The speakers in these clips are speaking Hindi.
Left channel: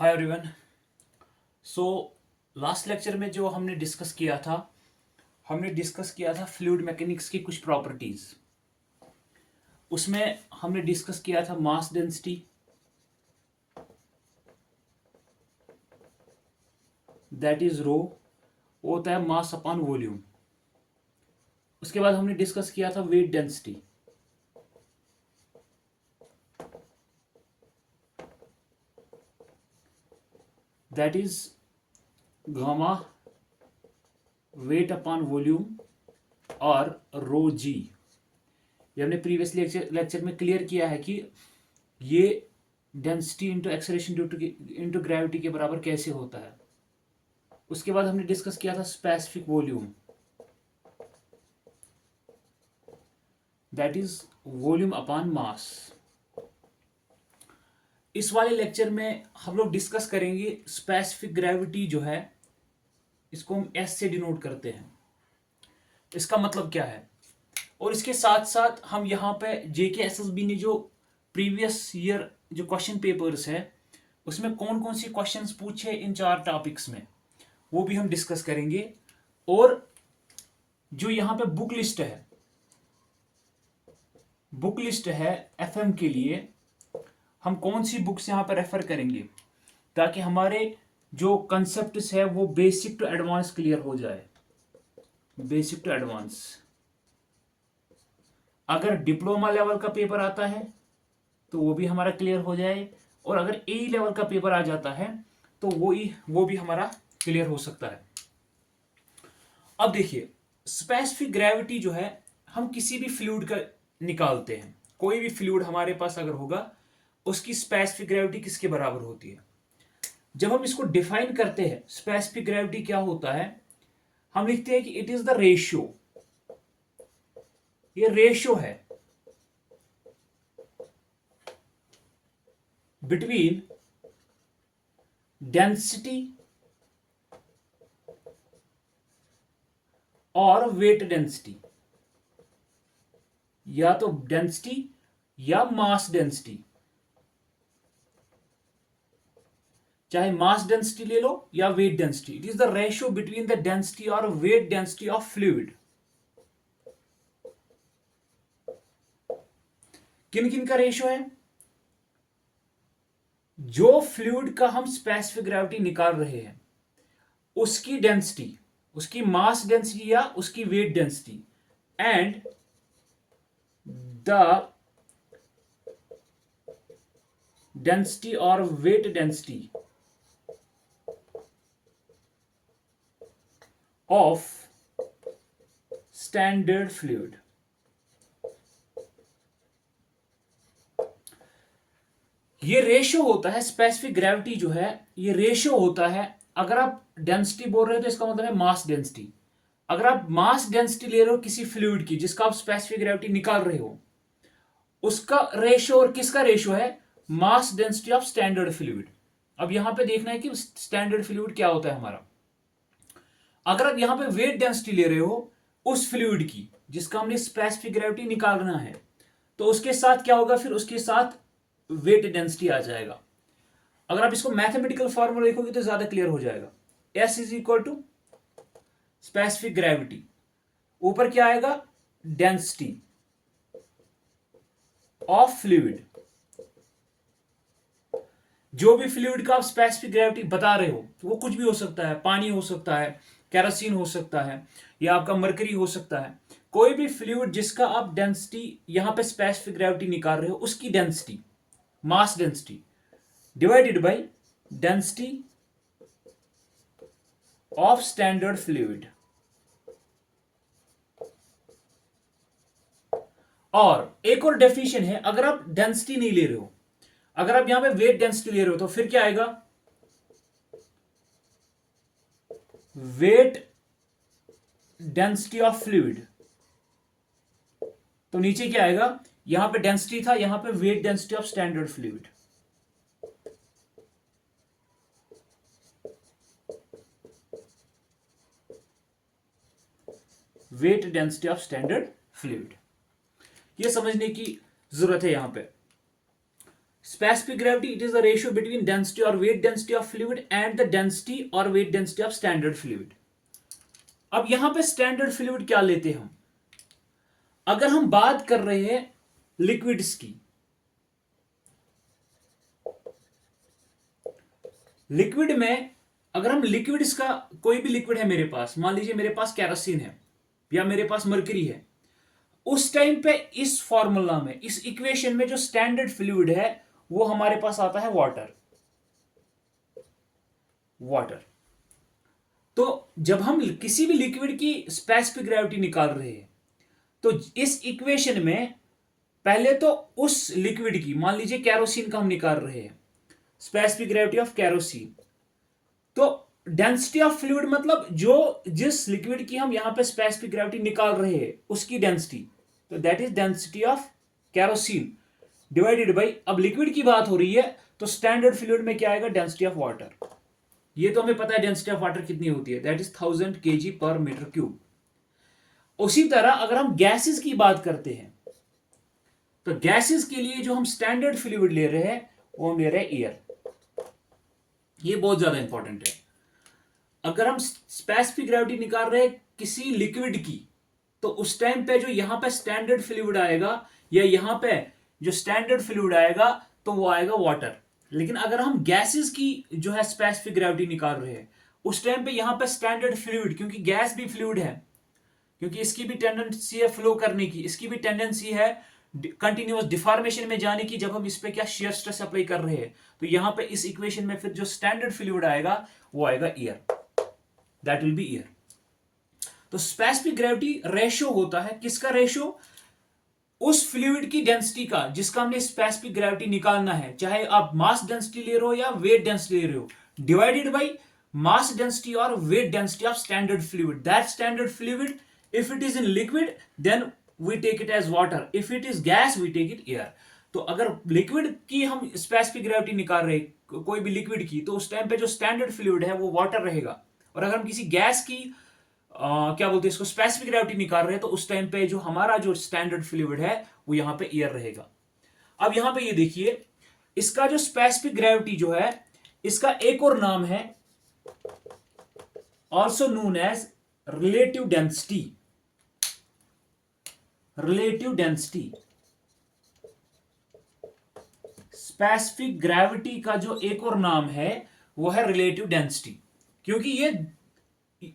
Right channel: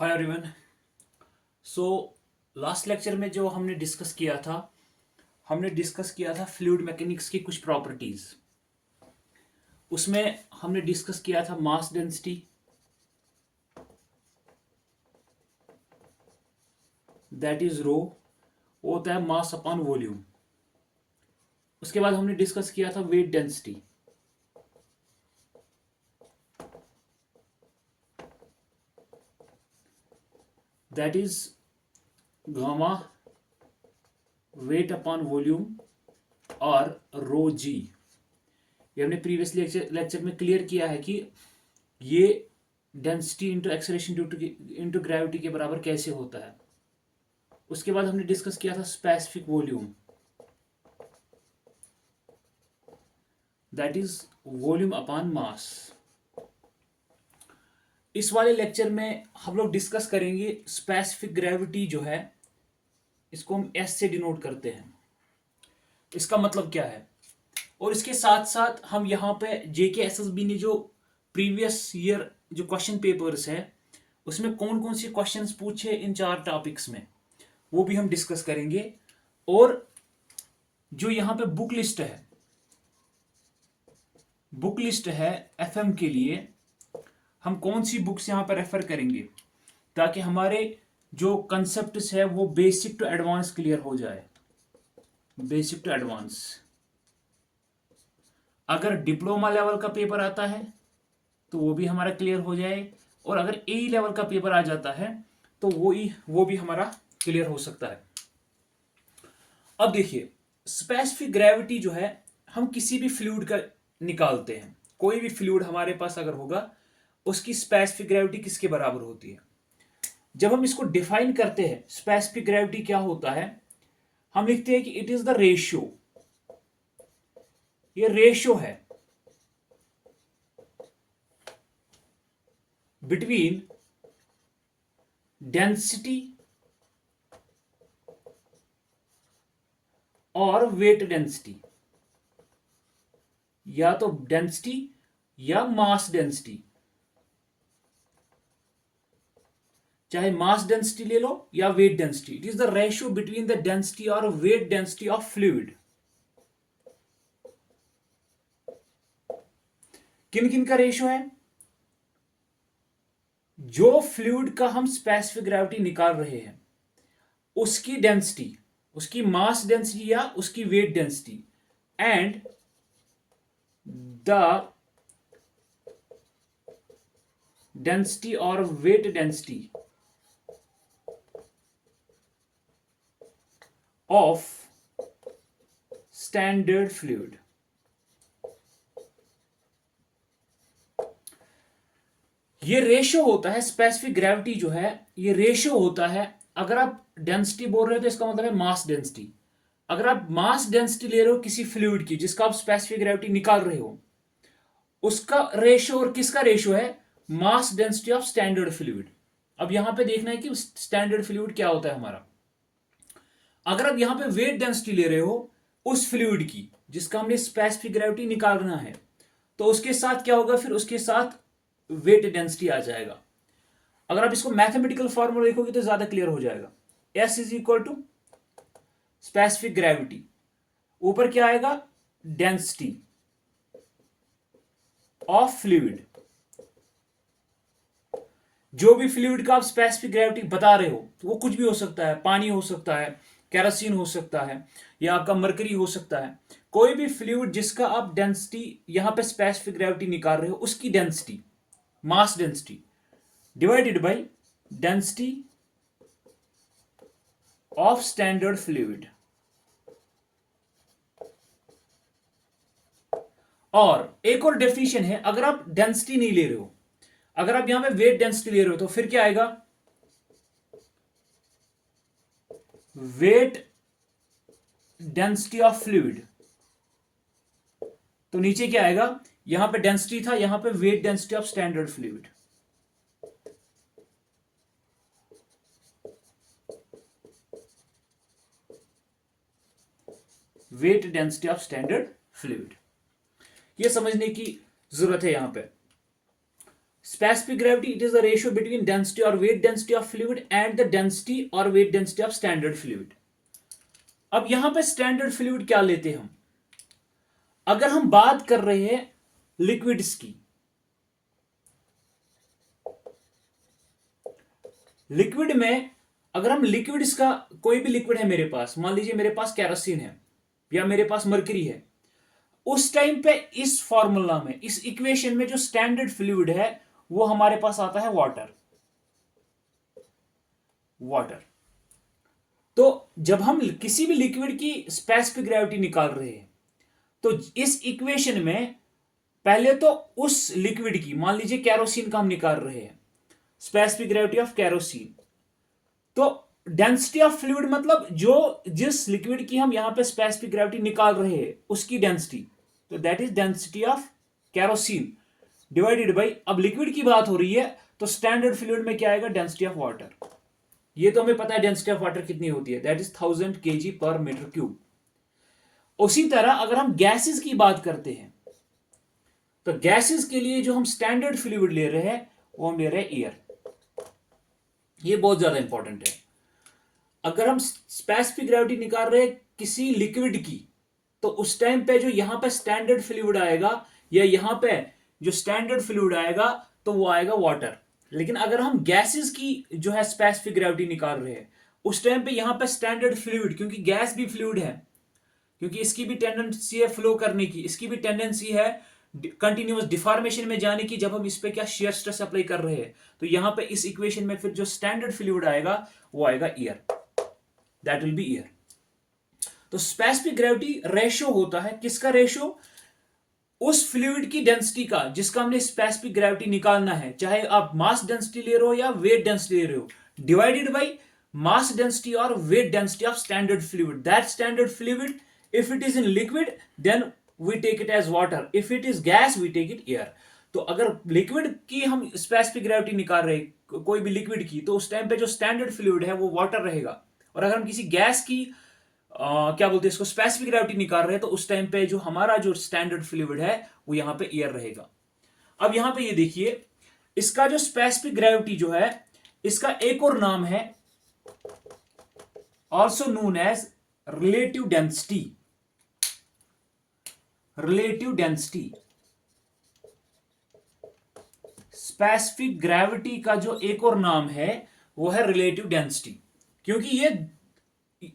Hi everyone. So last lecture में जो हमने डिस्कस किया था फ्लूइड मैकेनिक्स की कुछ प्रॉपर्टीज। उसमें हमने डिस्कस किया था मास डेंसिटी, दैट इज रो, वो होता है मास अपॉन वॉल्यूम। उसके बाद हमने डिस्कस किया था weight density, that is gamma wait upon volume और रो जी। ये हमने प्रीवियस लेक्चर में क्लियर किया है कि ये density into acceleration into gravity के बराबर कैसे होता है। उसके बाद हमने डिस्कस किया था specific volume, that is volume upon mass. इस वाले लेक्चर में हम लोग डिस्कस करेंगे स्पेसिफिक ग्रेविटी जो है, इसको हम एस से डिनोट करते हैं। इसका मतलब क्या है, और इसके साथ साथ हम यहाँ पे JKSSB ने जो प्रीवियस ईयर जो क्वेश्चन पेपर्स है उसमें कौन कौन से क्वेश्चंस पूछे इन 4 टॉपिक्स में, वो भी हम डिस्कस करेंगे। और जो यहाँ पे बुक लिस्ट है FM के लिए, हम कौन सी बुक्स यहाँ पर रेफर करेंगे ताकि हमारे जो कंसेप्ट्स है वो बेसिक टू एडवांस क्लियर हो जाए। बेसिक टू एडवांस, अगर डिप्लोमा लेवल का पेपर आता है तो वो भी हमारा क्लियर हो जाए, और अगर AE लेवल का पेपर आ जाता है तो वो भी हमारा क्लियर हो सकता है। अब देखिए, स्पेसिफिक ग्रेविटी जो है, हम किसी भी फ्लूइड का निकालते हैं। कोई भी फ्लूइड हमारे पास अगर होगा, उसकी स्पेसिफिक ग्रेविटी किसके बराबर होती है। जब हम इसको डिफाइन करते हैं स्पेसिफिक ग्रेविटी क्या होता है, हम लिखते हैं कि इट इज द रेशियो, ये रेशियो है बिटवीन डेंसिटी और वेट डेंसिटी, या तो डेंसिटी या मास डेंसिटी। चाहे मास डेंसिटी ले लो या weight density, it is the ratio between the density और वेट डेंसिटी ऑफ फ्लूइड। किन किन का रेशियो है? जो फ्लूइड का हम स्पेसिफिक ग्रेविटी निकाल रहे हैं उसकी डेंसिटी, उसकी मास डेंसिटी या उसकी weight density, and the density और weight density of standard fluid. ये रेशियो होता है, स्पेसिफिक ग्रेविटी जो है ये रेशियो होता है। अगर आप डेंसिटी बोल रहे हो तो इसका मतलब है मास डेंसिटी। अगर आप मास डेंसिटी ले रहे हो किसी फ्लूइड की जिसका आप स्पेसिफिक ग्रेविटी निकाल रहे हो, उसका रेशियो, और किसका रेशियो है? Mass density of standard fluid. अब यहां पे देखना है कि स्टैंडर्ड फ्लूइड क्या होता है हमारा। अगर आप यहां पे वेट डेंसिटी ले रहे हो उस फ्लूइड की जिसका हमने स्पेसिफिक ग्रेविटी निकालना है, तो उसके साथ क्या होगा, फिर उसके साथ वेट डेंसिटी आ जाएगा। अगर आप इसको मैथमेटिकल फॉर्मूला देखोगे तो ज्यादा क्लियर हो जाएगा। S is equal to specific gravity, ऊपर क्या आएगा? Density of fluid. जो भी फ्लूइड का आप स्पेसिफिक ग्रेविटी बता रहे हो, तो वो कुछ भी हो सकता है, पानी हो सकता है, केरोसिन हो सकता है, या आपका मरकरी हो सकता है। कोई भी फ्लूइड जिसका आप डेंसिटी यहां पे स्पेसिफिक ग्रेविटी निकाल रहे हो, उसकी density, mass density divided by density of standard fluid. और एक और डेफिनेशन है, अगर आप डेंसिटी नहीं ले रहे हो, अगर आप यहां पे वेट डेंसिटी ले रहे हो, तो फिर क्या आएगा? Wait density of fluid. तो नीचे क्या आएगा? यहां पे डेंसिटी था, यहां पे wait density of standard fluid. Wait density of standard fluid, ये समझने की जरूरत है यहां पे। Specific gravity, it is the ratio between density or weight density of fluid and the density or weight density of standard fluid. अब यहां पे स्टैंडर्ड फ्लूइड क्या लेते हैं हम? अगर हम बात कर रहे हैं लिक्विड्स की, लिक्विड में अगर हम लिक्विड्स का कोई भी लिक्विड है मेरे पास, मान लीजिए मेरे पास केरोसिन है या मेरे पास मरकरी है, उस टाइम पे इस फॉर्मूला में, इस इक्वेशन में जो स्टैंडर्ड फ्लूइड है वो हमारे पास आता है वाटर। वाटर। तो जब हम किसी भी लिक्विड की स्पेसिफिक ग्रेविटी निकाल रहे हैं तो इस इक्वेशन में पहले तो उस लिक्विड की, मान लीजिए कैरोसिन का हम निकाल रहे हैं, स्पेसिफिक ग्रेविटी ऑफ कैरोसिन, तो डेंसिटी ऑफ फ्लूइड मतलब जो जिस लिक्विड की हम यहां पे स्पेसिफिक ग्रेविटी निकाल रहे हैं उसकी डेंसिटी, तो that is density of kerosene divided by, अब लिक्विड की बात हो रही है तो स्टैंडर्ड फ्लूइड में क्या आएगा, डेंसिटी ऑफ वाटर। ये तो हमें पता है डेंसिटी ऑफ वाटर कितनी होती है, that is 1000 kg per metre cube. उसी तरह अगर हम गैसेस की बात करते हैं तो गैसेस के लिए जो हम स्टैंडर्ड फ्लूइड ले रहे हैं वो हम ले रहे हैं एयर। ये बहुत ज्यादा इंपॉर्टेंट है। अगर हम स्पेसिफिक ग्रेविटी निकाल रहे हैं किसी लिक्विड की तो उस टाइम पे जो यहां पे स्टैंडर्ड फ्लूइड आएगा या यहां पे जो स्टैंडर्ड फ्लूइड आएगा तो वो आएगा वाटर। लेकिन अगर हम गैसेस की जो है स्पेसिफिक ग्रेविटी निकाल रहे हैं उस टाइम पे यहां पे स्टैंडर्ड फ्लूइड, क्योंकि गैस भी फ्लूइड है, क्योंकि इसकी भी टेंडेंसी है फ्लो करने की, इसकी भी टेंडेंसी है कंटिन्यूअस डिफॉर्मेशन में जाने की जब हम इस पे क्या शेयर स्ट्रेस अप्लाई कर रहे हैं, तो यहां पे इस इक्वेशन में फिर जो स्टैंडर्ड फ्लूइड आएगा वो आएगा air, that will B air. तो स्पेसिफिक ग्रेविटी रेशियो होता है, किसका रेशियो, उस फ्लूइड की डेंसिटी का जिसका हमने स्पेसिफिक ग्रेविटी निकालना है, चाहे आप मास डेंसिटी ले रहे हो या वेट डेंसिटी ले रहे हो, डिवाइडेड बाई मास डेंसिटी और weight density of standard fluid. That standard fluid, if it is in liquid then we take it as water, if it is gas we take it air। तो अगर लिक्विड की हम स्पेसिफिक ग्रेविटी निकाल रहे कोई भी लिक्विड की तो उस टाइम पे जो स्टैंडर्ड फ्लूइड है वो वाटर रहेगा, और अगर हम किसी गैस की क्या बोलते हैं इसको स्पेसिफिक ग्रेविटी निकाल रहे हैं तो उस टाइम पे जो हमारा जो स्टैंडर्ड फ्लूइड है वो यहां पे एयर रहेगा। अब यहां पे ये देखिए, इसका जो स्पेसिफिक ग्रेविटी जो है इसका एक और नाम है also known as relative density. Relative density, specific gravity का जो एक और नाम है वो है रिलेटिव डेंसिटी, क्योंकि ये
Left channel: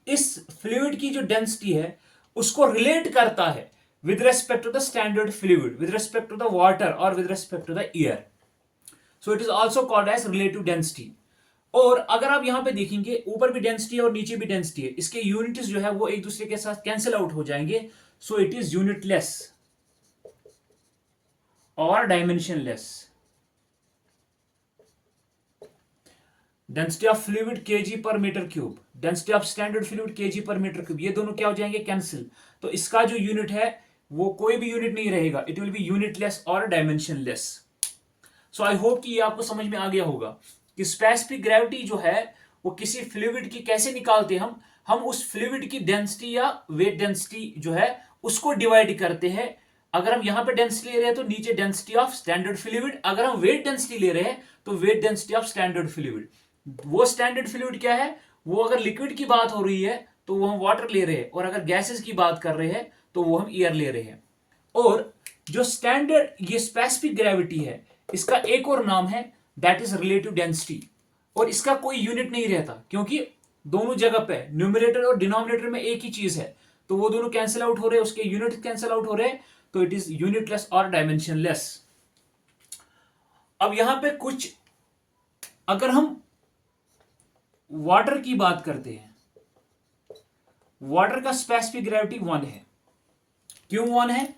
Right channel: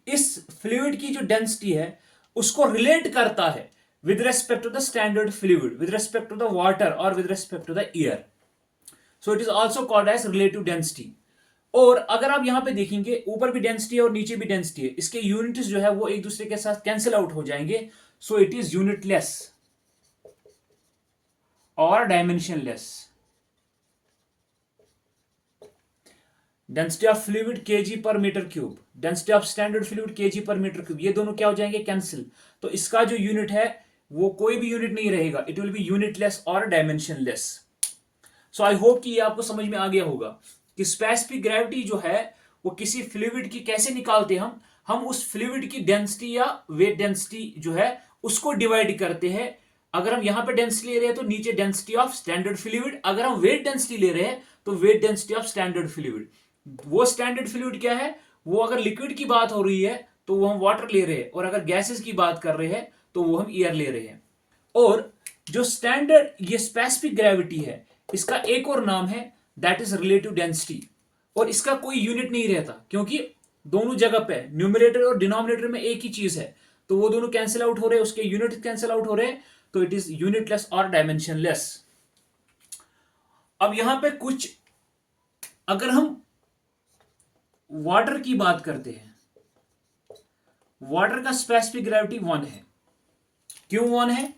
इस फ्लूइड की जो डेंसिटी है उसको रिलेट करता है with respect to the standard fluid, with respect to the water और with respect to the air. So it is also called as relative density. और अगर आप यहां पे देखेंगे ऊपर भी डेंसिटी है और नीचे भी डेंसिटी है, इसके यूनिट्स जो है वो एक दूसरे के साथ कैंसिल आउट हो जाएंगे, सो इट इज यूनिटलेस और dimensionless. Density of fluid kg per metre cube, density of standard fluid kg per metre cube, ये दोनों क्या हो जाएंगे, कैंसिल। तो इसका जो यूनिट है वो कोई भी यूनिट नहीं रहेगा, इट विल बी यूनिटलेस और डायमेंशनलेस। सो आई होप कि ये आपको समझ में आ गया होगा कि स्पेसिफिक ग्रेविटी जो है वो किसी फ्लूइड की कैसे निकालते हैं हम उस फ्लूइड की डेंसिटी या वेट डेंसिटी जो है उसको डिवाइड करते हैं। अगर हम यहां पे डेंसिटी ले रहे हैं तो नीचे डेंसिटी ऑफ स्टैंडर्ड फ्लूइड, अगर हम वेट डेंसिटी ले रहे हैं तो wait density of standard fluid. वो स्टैंडर्ड फ्लूइड क्या है, वो अगर लिक्विड की बात हो रही है तो वो हम वाटर ले रहे हैं, और अगर गैसेस की बात कर रहे हैं तो वो हम एयर ले रहे हैं। और जो स्टैंडर्ड ये स्पेसिफिक ग्रेविटी है इसका एक और नाम है दैट इज रिलेटिव डेंसिटी, और इसका कोई यूनिट नहीं रहता क्योंकि दोनों जगह पे न्यूमरेटर और डिनोमिनेटर में एक ही चीज है, तो वो दोनों कैंसिल आउट हो रहे हैं, उसके यूनिट कैंसिल आउट हो रहे हैं, तो इट इज यूनिटलेस और डायमेंशनलेस। अब यहां पे कुछ, अगर हम वाटर की बात करते हैं, वाटर का स्पेसिफिक ग्रेविटी 1 है। क्यों 1 है,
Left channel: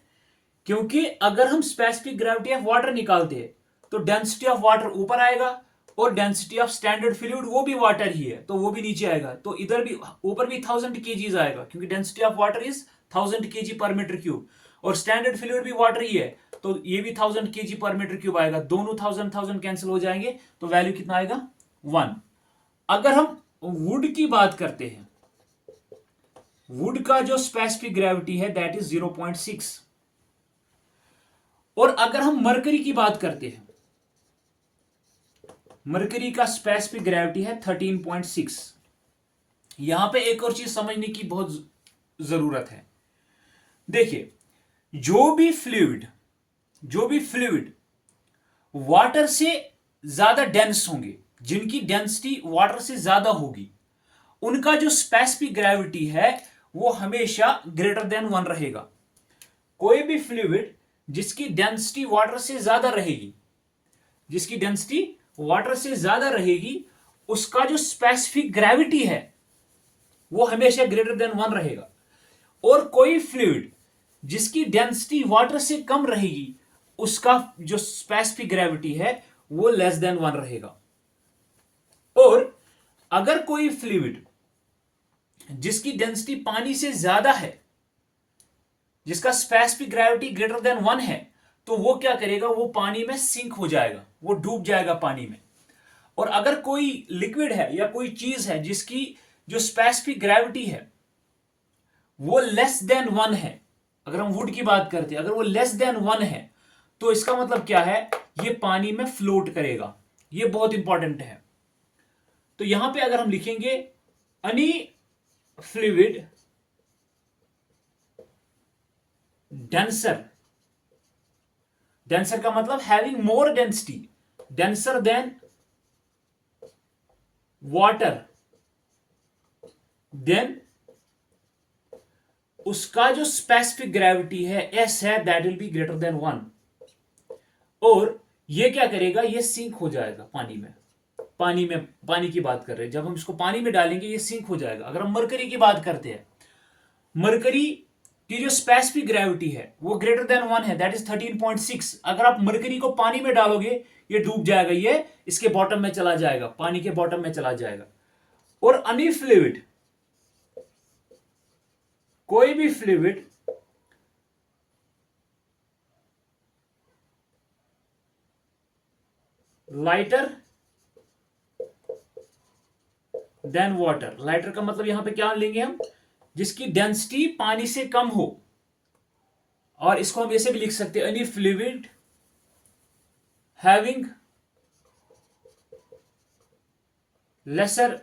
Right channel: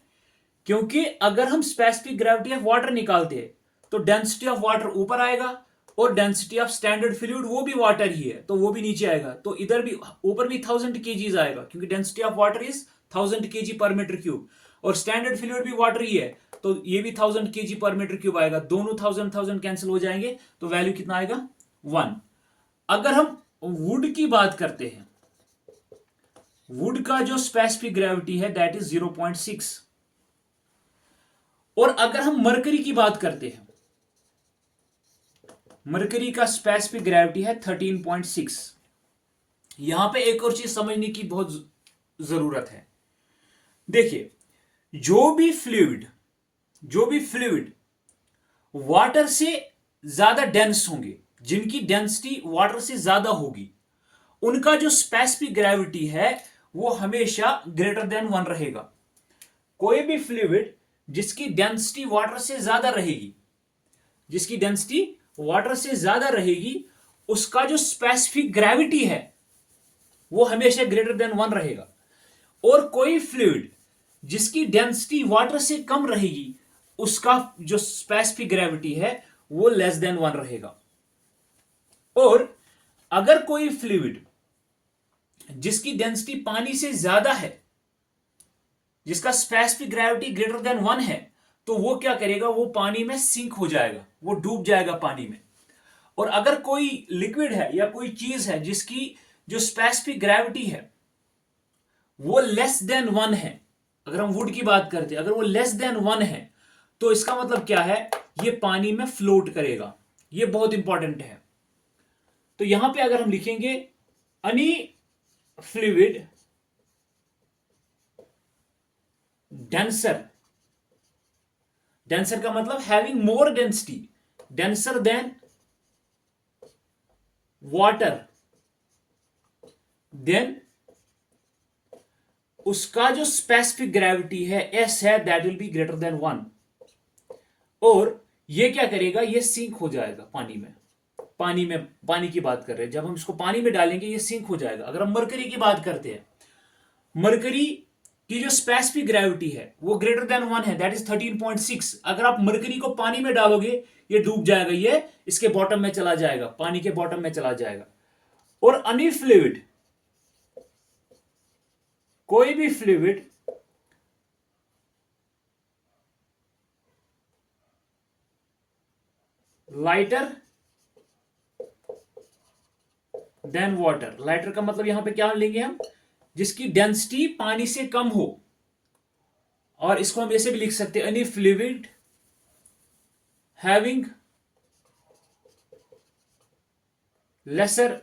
क्योंकि अगर हम स्पेसिफिक ग्रेविटी ऑफ वाटर निकालते हैं तो डेंसिटी ऑफ वाटर ऊपर आएगा और डेंसिटी ऑफ स्टैंडर्ड फ्लूइड वो भी वाटर ही है तो वो भी नीचे आएगा, तो इधर भी ऊपर भी 1000 kg आएगा क्योंकि density of water is 1000 kg per metre cube, और स्टैंडर्ड फ्लूइड भी वाटर ही है तो ये भी 1000 kg पर मीटर क्यूब आएगा, दोनों 1000 कैंसिल हो जाएंगे तो वैल्यू कितना आएगा 1। अगर हम वुड की बात करते हैं, वुड का जो स्पेसिफिक ग्रेविटी है दैट इज 0.6। और अगर हम मरकरी की बात करते हैं मरकरी का स्पेसिफिक ग्रेविटी है 13.6। यहां पे एक और चीज समझने की बहुत जरूरत है। देखिए, जो भी फ्लूइड वाटर से ज्यादा डेंस होंगे, जिनकी डेंसिटी वाटर से ज्यादा होगी, उनका जो स्पेसिफिक ग्रेविटी है वो हमेशा ग्रेटर देन 1 रहेगा। कोई भी फ्लूइड जिसकी डेंसिटी वाटर से ज्यादा रहेगी, उसका जो स्पेसिफिक ग्रेविटी है वो हमेशा ग्रेटर देन 1 रहेगा। और कोई फ्लूइड जिसकी डेंसिटी वाटर से कम रहेगी, उसका जो स्पेसिफिक ग्रेविटी है वो लेस देन 1 रहेगा। और अगर कोई फ्लूइड जिसकी डेंसिटी पानी से ज्यादा है, जिसका स्पेसिफिक ग्रेविटी ग्रेटर देन 1 है, तो वो क्या करेगा, वो पानी में सिंक हो जाएगा, वो डूब जाएगा पानी में। और अगर कोई लिक्विड है या कोई चीज है जिसकी जो स्पेसिफिक ग्रेविटी है वो लेस देन 1 है, अगर हम वुड की बात करते हैं, अगर वो लेस देन 1 है, तो इसका मतलब क्या है, ये पानी में फ्लोट करेगा। ये बहुत इंपॉर्टेंट है। तो यहां पे अगर हम लिखेंगे एनी फ्लूइड डेंसर का मतलब having more density, denser than water, then उसका जो स्पेसिफिक ग्रेविटी है एस है, that will be greater than 1। और ये क्या करेगा, ये सिंक हो जाएगा पानी में। पानी की बात कर रहे हैं, जब हम इसको पानी में डालेंगे ये सिंक हो जाएगा। अगर हम मरकरी की बात करते हैं, मरकरी की जो स्पेसिफिक ग्रेविटी है वो ग्रेटर देन 1 है, दैट इज 13.6। अगर आप मरकरी को पानी में डालोगे ये डूब जाएगा, ये इसके बॉटम में चला जाएगा, पानी के बॉटम में चला जाएगा। और एनी फ्लूइड, कोई भी fluid lighter than water, lighter का मतलब यहां पे क्या लेंगे हम, जिसकी डेंसिटी पानी से कम हो। और इसको हम ऐसे भी लिख सकते हैं, any fluid having lesser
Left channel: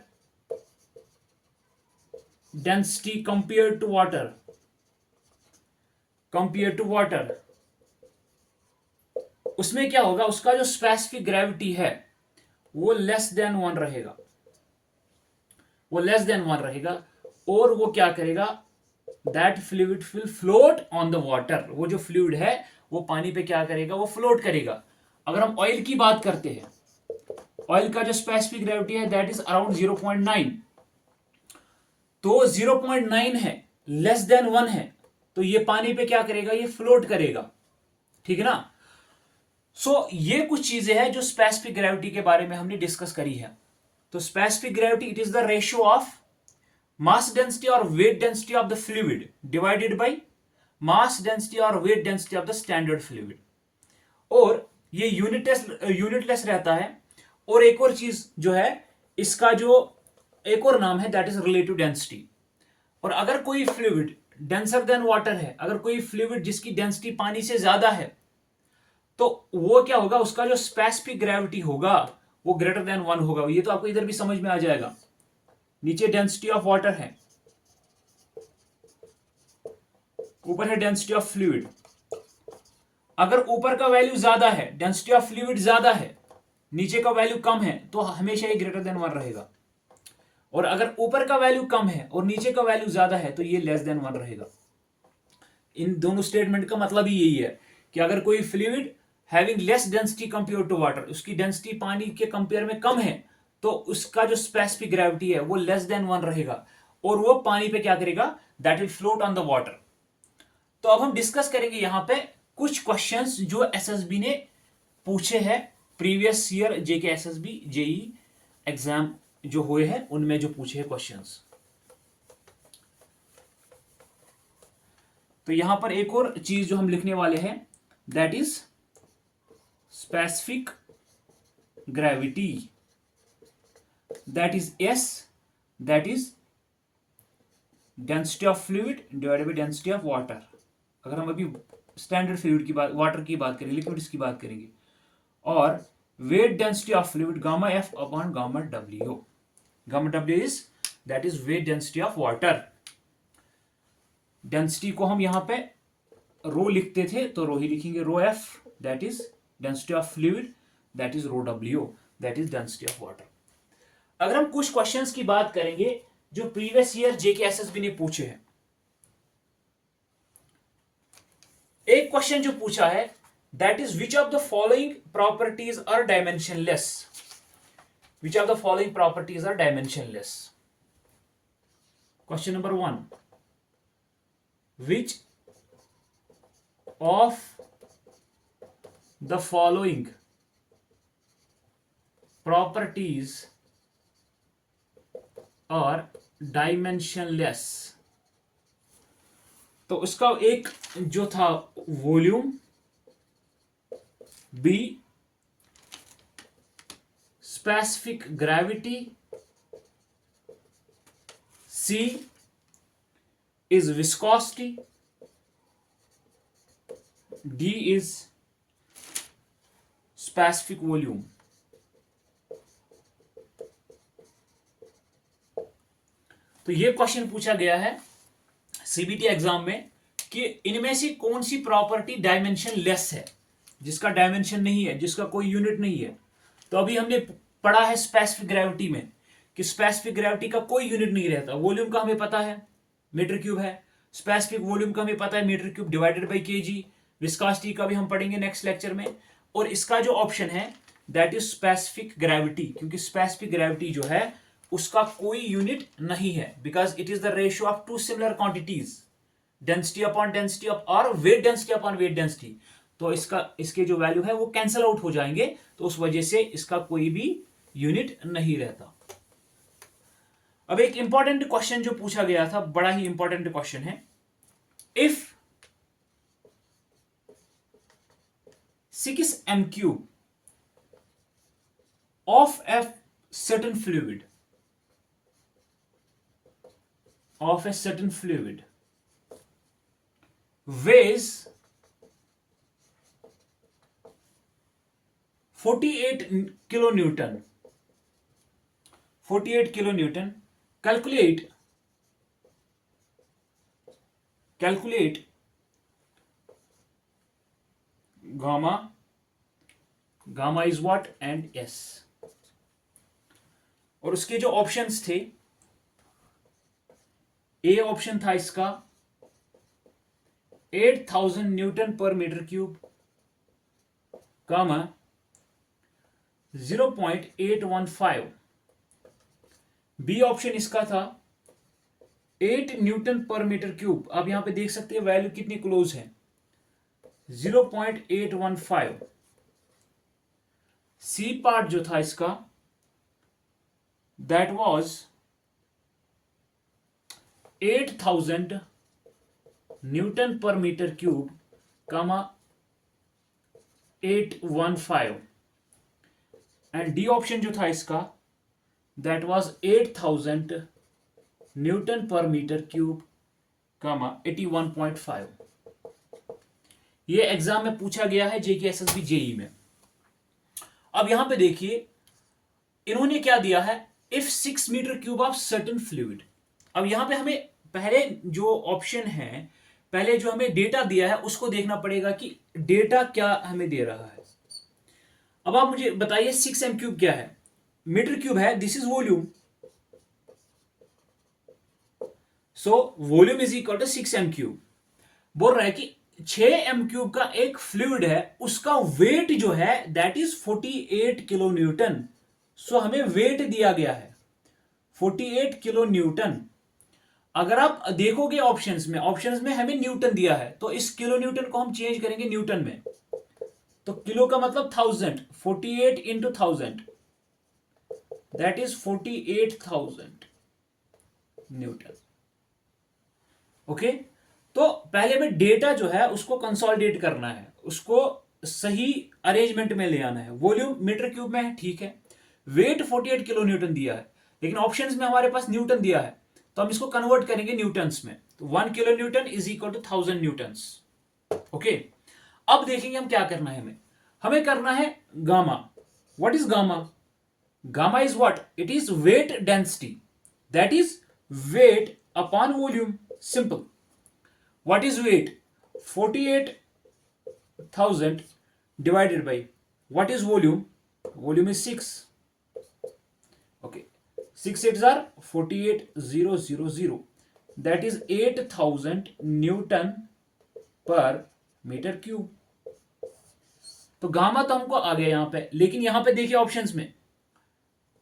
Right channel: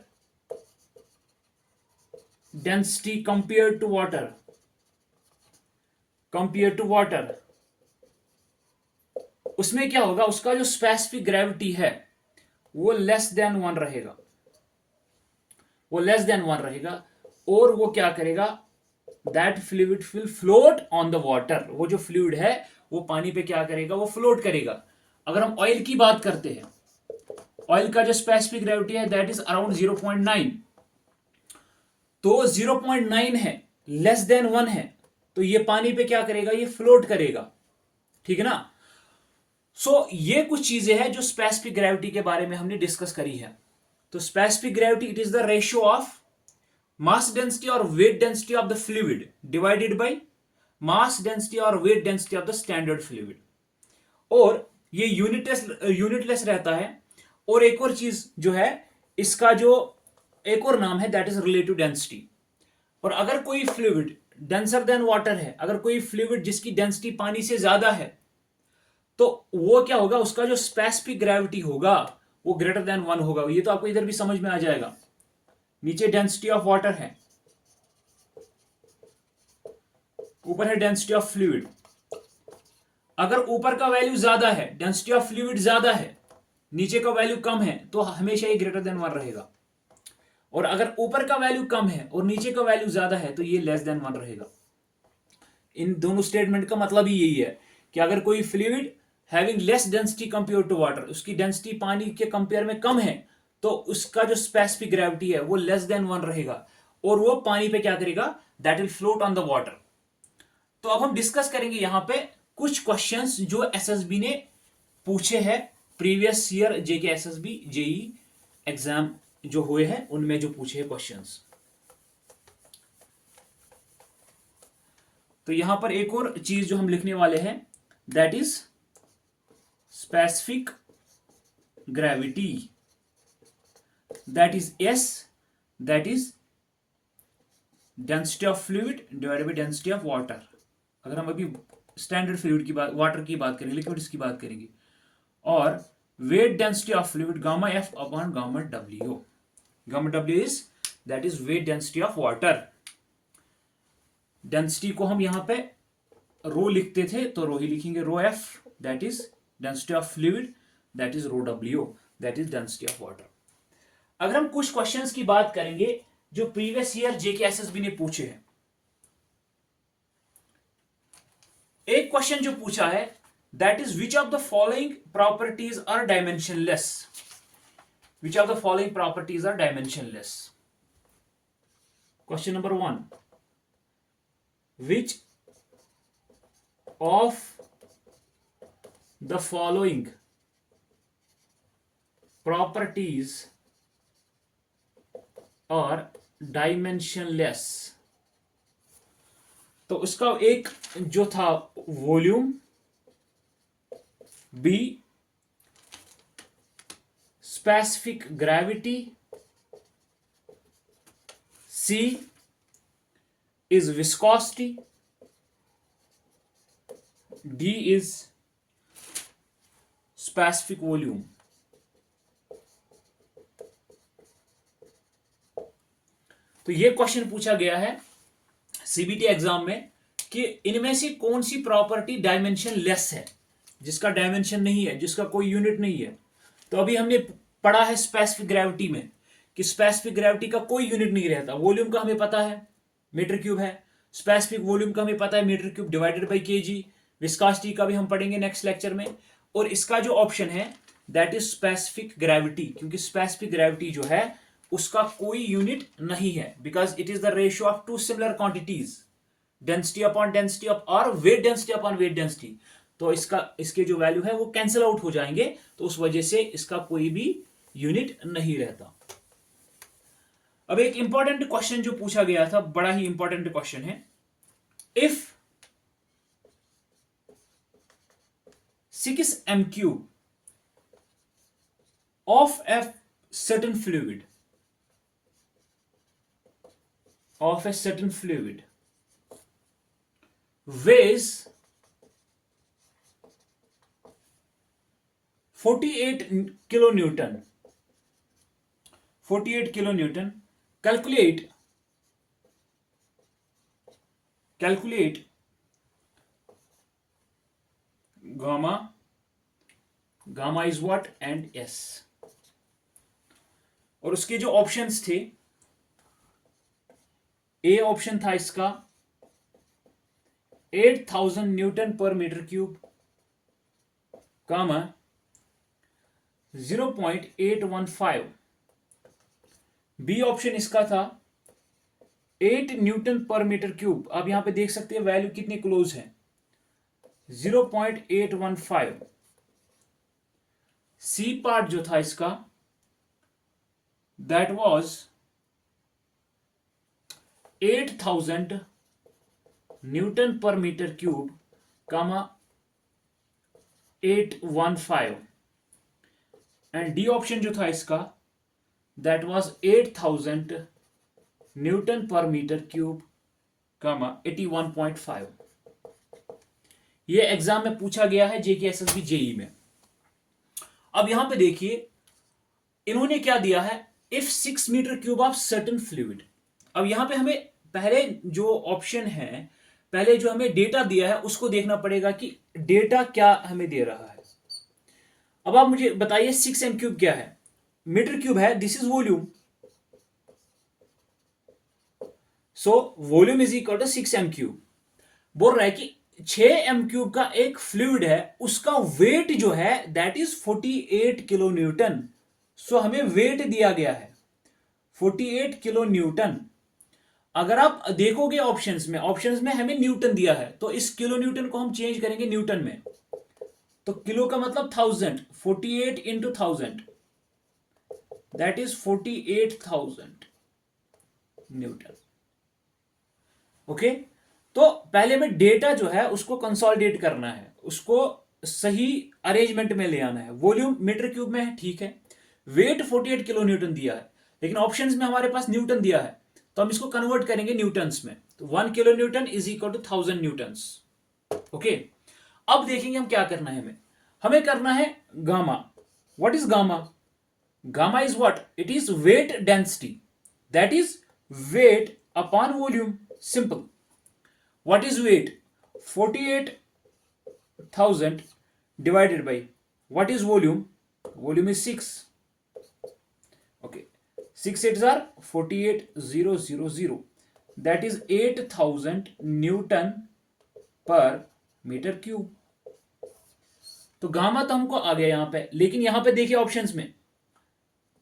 density compare to water, उसमें क्या होगा, उसका जो स्पेसिफिक ग्रेविटी है वो लेस देन 1 रहेगा। और वो क्या करेगा, that fluid will float on the water, वो जो फ्लूइड है वो पानी पे क्या करेगा, वो फ्लोट करेगा। अगर हम ऑयल की बात करते हैं, ऑयल का जो स्पेसिफिक ग्रेविटी है दैट इज अराउंड 0.9, तो 0.9 है, लेस देन 1 है, तो ये पानी पे क्या करेगा, ये फ्लोट करेगा। ठीक है ना। सो ये कुछ चीजें हैं जो स्पेसिफिक ग्रेविटी के बारे में हमने डिस्कस करी है। तो specific gravity it is the ratio of mass density और weight density of the fluid divided by mass density और weight density of the standard fluid. और ये यूनिटलेस रहता है। और एक और चीज जो है, इसका जो एक और नाम है दैट इज रिलेटिव डेंसिटी। और अगर कोई फ्लूइड डेंसर देन वाटर है, अगर कोई फ्लूइड जिसकी डेंसिटी पानी से ज्यादा है, तो वो क्या होगा, उसका जो स्पेसिफिक ग्रेविटी होगा वो ग्रेटर देन 1 होगा। ये तो आपको इधर भी समझ में आ जाएगा। नीचे डेंसिटी ऑफ वाटर है, ऊपर है डेंसिटी ऑफ फ्लूइड। अगर ऊपर का वैल्यू ज्यादा है, डेंसिटी ऑफ फ्लूइड ज्यादा है, नीचे का वैल्यू कम है, तो हमेशा ये ग्रेटर देन 1 रहेगा। और अगर ऊपर का वैल्यू कम है और नीचे का वैल्यू ज्यादा है, तो ये लेस देन 1 रहेगा। इन दोनों स्टेटमेंट का मतलब ही यही है कि अगर कोई fluid having less density compare to water, उसकी डेंसिटी पानी के कंपेयर में कम है, तो उसका जो स्पेसिफिक ग्रेविटी है वो लेस देन 1 रहेगा। और वो पानी पे क्या करेगा, that will float on the water. तो अब हम डिस्कस करेंगे यहां पे कुछ क्वेश्चंस जो एसएसबी ने पूछे हैं previous year JK SSB JE exam जो हुए हैं, उनमें जो पूछे हैं क्वेश्चंस। तो यहां पर एक और चीज जो हम लिखने वाले हैं that is specific gravity, that is S, that is density of fluid divided by density of water. अगर हम अभी स्टैंडर्ड फ्लूइड की बात, वाटर की बात करेंगे, लिक्विड्स की बात करेंगे। और weight density of fluid gamma F upon gamma W. Gamma W is that is weight density of water. Density को हम यहां पे रो लिखते थे तो रो ही लिखेंगे, rho F that is density of fluid, that is rho W that is density of water. अगर हम कुछ क्वेश्चंस की बात करेंगे जो प्रीवियस ईयर जेकेएसएसबी ने पूछे हैं. एक क्वेश्चन जो पूछा है that is which of the following properties are dimensionless. Which of the following properties are dimensionless. Question number 1, which of the following properties are dimensionless. तो उसका एक जो था volume, B specific gravity, C is viscosity, D is specific volume. तो ये क्वेश्चन पूछा गया है सीबीटी एग्जाम में कि इनमें से कौन सी प्रॉपर्टी डायमेंशन लेस है, जिसका डायमेंशन नहीं है, जिसका कोई यूनिट नहीं है. तो अभी हमने पढ़ा है स्पेसिफिक ग्रेविटी में कि स्पेसिफिक ग्रेविटी का कोई यूनिट नहीं रहता. वॉल्यूम का हमें पता है मीटर क्यूब है, स्पेसिफिक वॉल्यूम का हमें पता है metre cube divided by KG. Viscosity का भी हम पढ़ेंगे नेक्स्ट लेक्चर में. और इसका जो ऑप्शन है दैट इज स्पेसिफिक ग्रेविटी, क्योंकि स्पेसिफिक ग्रेविटी जो है उसका कोई यूनिट नहीं है, because it is the ratio of two similar quantities, density upon density of और weight density upon weight density. तो इसके जो वैल्यू है वो कैंसिल आउट हो जाएंगे, तो उस वजह से इसका कोई भी यूनिट नहीं रहता. अब एक इंपॉर्टेंट क्वेश्चन जो पूछा गया था, बड़ा ही इंपॉर्टेंट क्वेश्चन है. If 6 m³ of a certain fluid weighs 48 kilonewton, calculate gamma is what and s. और उसके जो ऑप्शंस थे, ए ऑप्शन था इसका 8000 newton per metre cube, gamma 0.815. B option इसका था 8 न्यूटन पर मीटर क्यूब. आप यहां पे देख सकते हैं वैल्यू कितनी क्लोज है, 0.815. सी पार्ट जो था इसका that was 8000 newton per metre cube, comma 815. And D option जो था इसका that was 8000 newton per metre cube, comma 81.5. ये एग्जाम में पूछा गया है जेकेएसएसबी जेई में. अब यहां पे देखिए इन्होंने क्या दिया है, if 6 metre cube of certain fluid. अब यहां पे हमें पहले जो ऑप्शन है, पहले जो हमें डेटा दिया है उसको देखना पड़ेगा कि डेटा क्या हमें दे रहा है. अब आप मुझे बताइए 6 m³ क्या है, मीटर क्यूब है, this is volume, so volume is equal to 6 m³. बोल रहा है कि 6 m³ का एक फ्लूइड है, उसका वेट जो है दैट इज 48 किलो न्यूटन. सो हमें वेट दिया गया है 48 किलो न्यूटन. अगर आप देखोगे ऑप्शंस में हमें न्यूटन दिया है, तो इस किलो न्यूटन को हम चेंज करेंगे न्यूटन में. तो किलो का मतलब 1000, 48 into 1000 that is 48,000 Newton. Okay, तो पहले में डेटा जो है उसको कंसोलिडेट करना है, उसको सही अरेंजमेंट में ले आना है. वॉल्यूम मीटर क्यूब में है, ठीक है. वेट 48 किलो न्यूटन दिया है, लेकिन ऑप्शंस में हमारे पास न्यूटन दिया है, तो हम इसको कन्वर्ट करेंगे न्यूटन्स में. तो 1 kilo newton is equal to 1000 newtons. Okay, अब देखेंगे हम क्या करना है. हमें करना है gamma. What is gamma? Gamma is what? It is weight density. That is weight upon volume. Simple. What is weight? 48,000 divided by what is volume? Volume is 6. Okay, 6 8s are 48,000. That is 8,000 Newton per metre cube. तो गामा तो हमको आ गया यहां पे, लेकिन यहां पे देखिए ऑप्शंस में,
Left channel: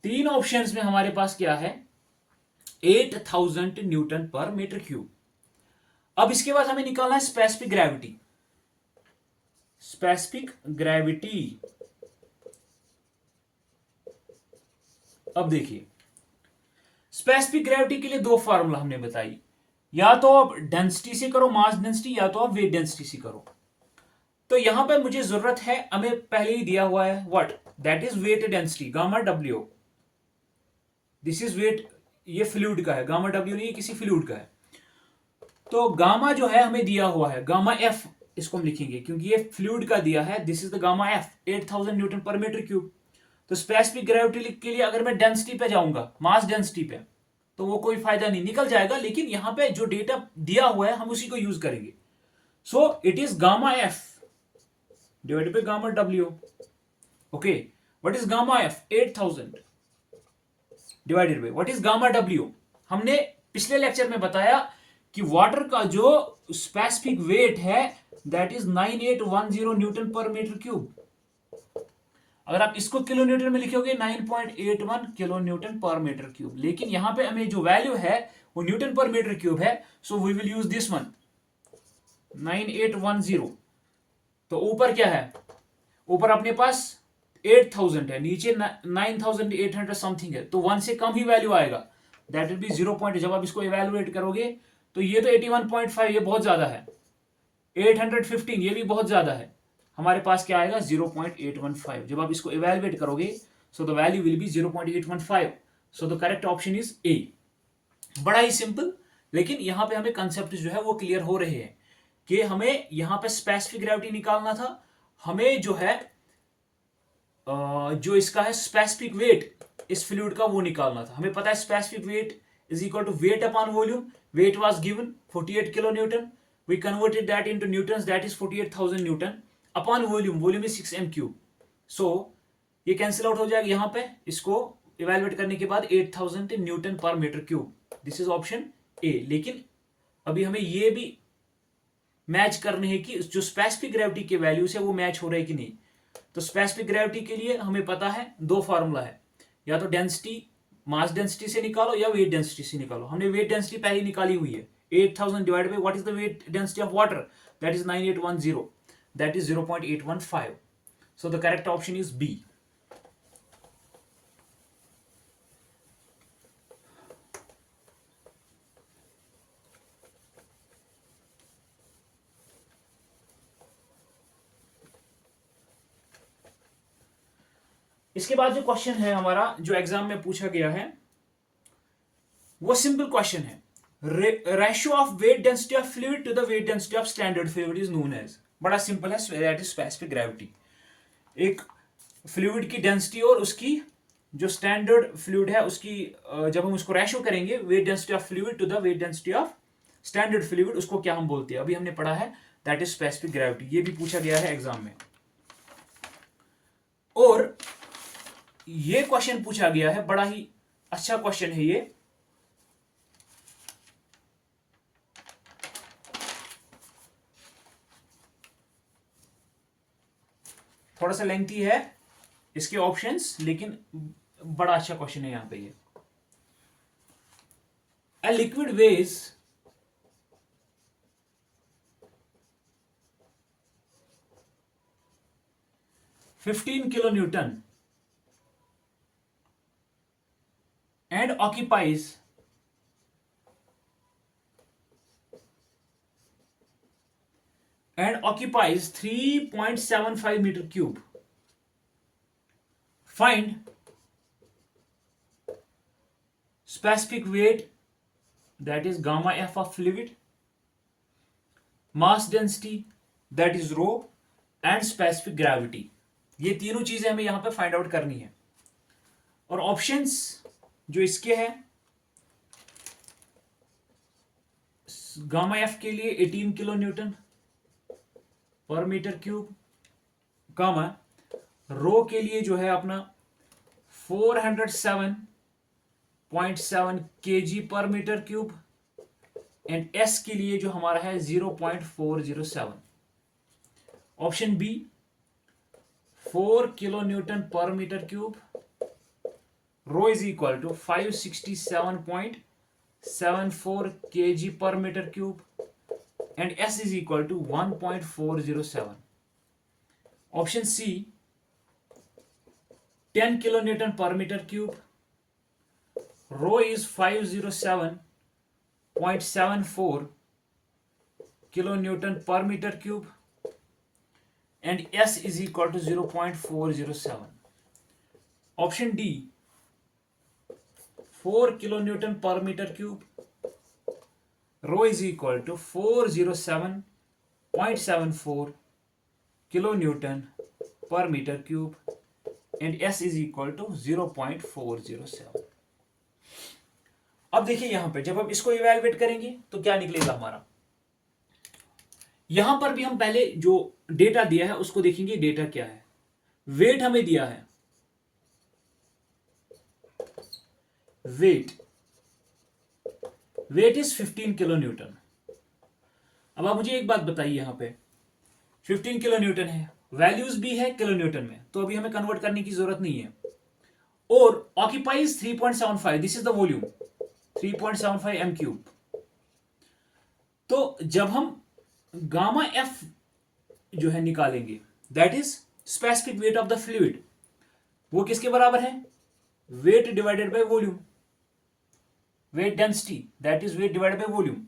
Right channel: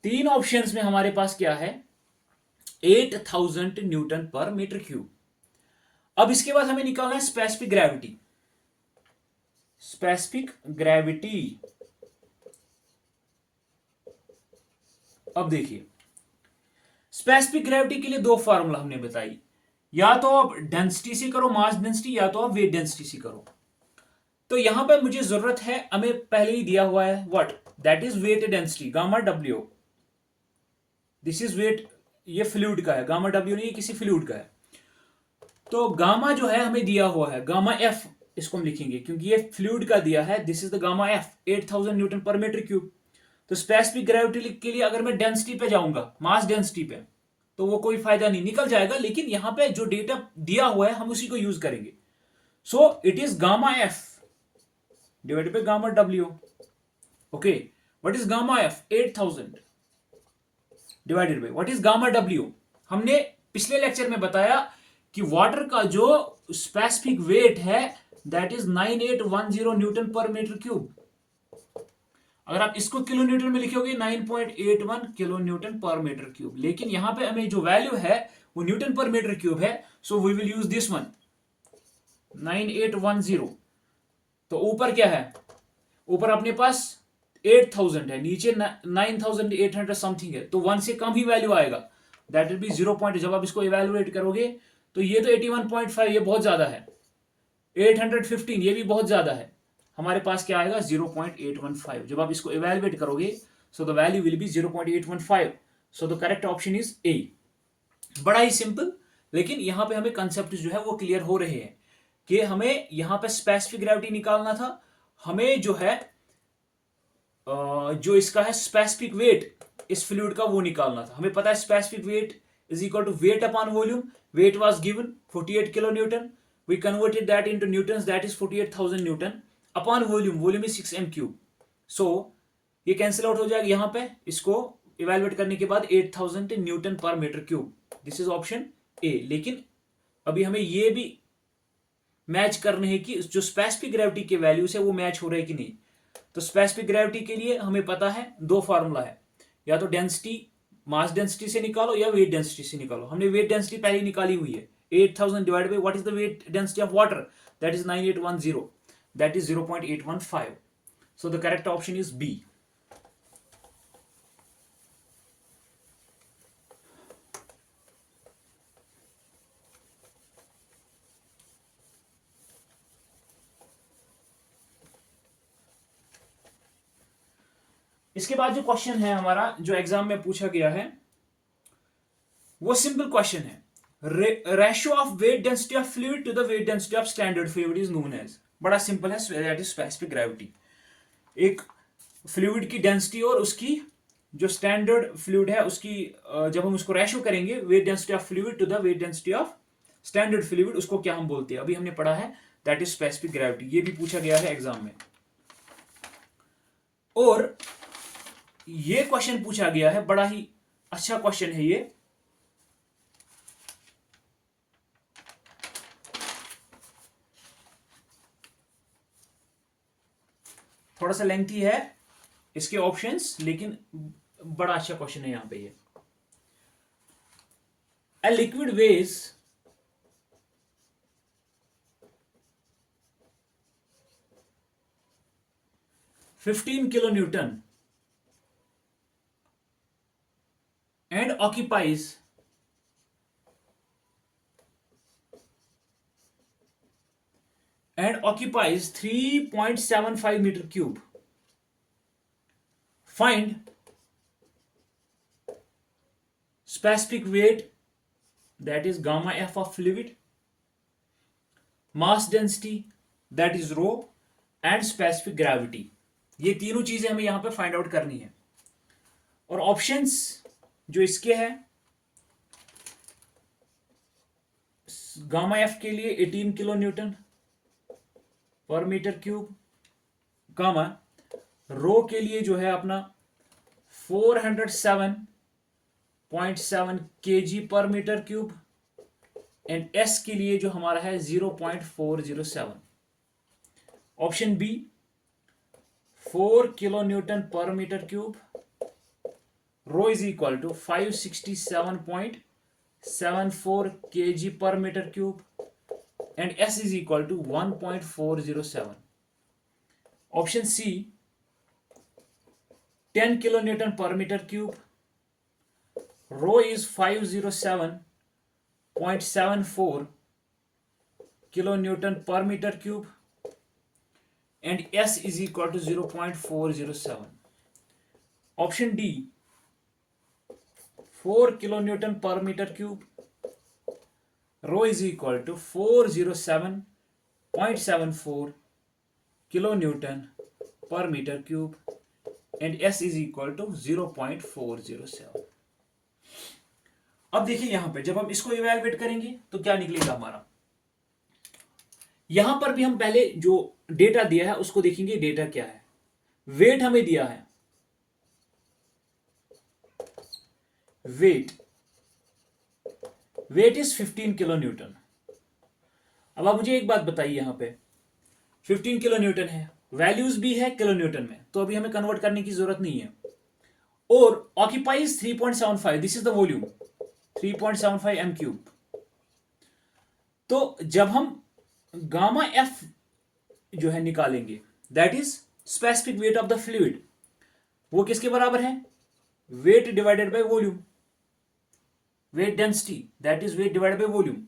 तीन ऑप्शंस में हमारे पास क्या है? 8,000 न्यूटन पर मीटर क्यूब. अब इसके बाद हमें निकालना है स्पेसिफिक ग्रेविटी. Specific gravity. अब देखिए, स्पेसिफिक ग्रेविटी के लिए दो फार्मूला हमने बताई. या तो आप डेंसिटी से करो, मास डेंसिटी, या तो आप वेट डेंसिटी से करो. तो यहां पर मुझे जरूरत है, हमें पहले ही दिया हुआ है what? That is weight density, gamma W. This is weight, ये फ्लूइड का है. गामा डब्ल्यू नहीं, ये किसी फ्लूइड का है. तो गामा जो है हमें दिया हुआ है, गामा एफ इसको हम लिखेंगे क्योंकि ये फ्लूइड का दिया है. This is the gamma F, 8,000 newton per metre cube. तो स्पेसिफिक ग्रेविटी के लिए अगर मैं डेंसिटी पे जाऊंगा, मास डेंसिटी पे, तो वो कोई फायदा नहीं, निकल जाएगा. लेकिन यहां पे जो डेटा दिया हुआ है हम उसी को यूज करेंगे. सो it is gamma F divided by gamma W. Okay, what is gamma F? 8,000 divided by what is gamma W? हमने पिछले लेक्चर में बताया कि वाटर का जो स्पेसिफिक वेट है that is 9810 Newton per metre cube. अगर आप इसको किलो न्यूटन में लिखोगे 9.81 kilo newton per metre cube. लेकिन यहां पे हमें जो वैल्यू है वो न्यूटन पर मीटर क्यूब है. So we will use this one, 9810. तो ऊपर क्या है? ऊपर अपने पास 8,000 है, नीचे 9,800 समथिंग है. तो 1 से कम ही वैल्यू आएगा. That will B 0 point. जब आप इसको इवेलुएट करोगे तो ये तो 81.5, ये बहुत ज्यादा है. 815, ये भी बहुत ज्यादा है. हमारे पास क्या आएगा? 0.815. जब आप इसको इवेलुएट करोगे so the value will be 0.815. So the correct option is a. बड़ा ही सिंपल. लेकिन यहां पे हमें कंसेप्ट जो है वो क्लियर हो रहे हैं कि हमें यहां पे स्पेसिफिक ग्रेविटी निकालना था. हमें जो है जो इसका है स्पेसिफिक वेट इस फ्लूइड का वो निकालना था. हमें पता है specific weight is equal to weight upon volume. Weight was given 48 kilo newton. We converted that into newtons, that is 48,000 newton upon volume. Volume is 6 m cube. So ये कैंसिल आउट हो जाएगा यहां पे. इसको इवेलुएट करने के बाद 8,000 newton per metre cube. This is option A. लेकिन अभी हमें ये भी मैच करने हैं कि जो स्पेसिफिक ग्रेविटी के वैल्यूज है वो मैच हो रहे हैं कि नहीं. तो स्पेसिफिक ग्रेविटी के लिए हमें पता है दो फार्मूला है, या तो डेंसिटी मास डेंसिटी से निकालो या वेट डेंसिटी से निकालो. हमने वेट डेंसिटी पहले निकाली हुई है. 8,000 divide by what is the weight density of water? That is 9810. That is 0.815. So the correct option is B. इसके बाद जो क्वेश्चन है हमारा, जो एग्जाम में पूछा गया है, वो सिंपल क्वेश्चन है. Ratio of weight density of fluid to the weight density of standard fluid is known as. बड़ा सिंपल है, दैट इज स्पेसिफिक ग्रेविटी. एक फ्लूइड की डेंसिटी और उसकी जो स्टैंडर्ड फ्लूइड है उसकी जब हम उसको रेशियो करेंगे, weight density of fluid to the weight density of standard fluid, उसको क्या हम बोलते हैं? अभी हमने पढ़ा है, दैट इज स्पेसिफिक ग्रेविटी. ये भी पूछा गया है एग्जाम में. और ये क्वेश्चन पूछा गया है, बड़ा ही अच्छा क्वेश्चन है ये. थोड़ा सा लेंथी है इसके ऑप्शंस, लेकिन बड़ा अच्छा क्वेश्चन है यहां पे ये. A liquid weighs 15 kilonewton and occupies 3.75 meter cube. Find specific weight, that is gamma f of fluid, mass density, that is rho, and specific gravity. ये तीनों चीजें हमें यहां पे फाइंड आउट करनी है। और ऑप्शंस जो इसके हैं, गामा एफ के लिए 18 kilo newton per metre cube, gamma रो के लिए जो है अपना 407.7 kg per metre cube, and S के लिए जो हमारा है 0.407। Option B 4 kilo newton per metre cube, rho is equal to 567.74 kg per meter cube, and S is equal to 1.407. Option C 10 kilonewton per meter cube, rho is 507.74 kilonewton per meter cube, and S is equal to 0.407. Option D 4 kilonewton per meter cube, rho is equal to 407.74 kilonewton per meter cube, and S is equal to 0.407. अब देखिए यहां पे जब हम इसको इवैल्यूएट करेंगे तो क्या निकलेगा हमारा। यहां पर भी हम पहले जो डेटा दिया है उसको देखेंगे, डेटा क्या है। वेट हमें दिया है, वेट इज 15 किलो न्यूटन। अब आप मुझे एक बात बताइए, यहां पे 15 किलो न्यूटन है, वैल्यूज भी है किलो न्यूटन में, तो अभी हमें कन्वर्ट करने की जरूरत नहीं है। और occupies 3.75, this is the volume 3.75 m cube. तो जब हम गामा एफ जो है निकालेंगे, that is specific weight of the fluid, वो किसके बराबर है, weight divided by volume, weight density, that is weight divided by volume.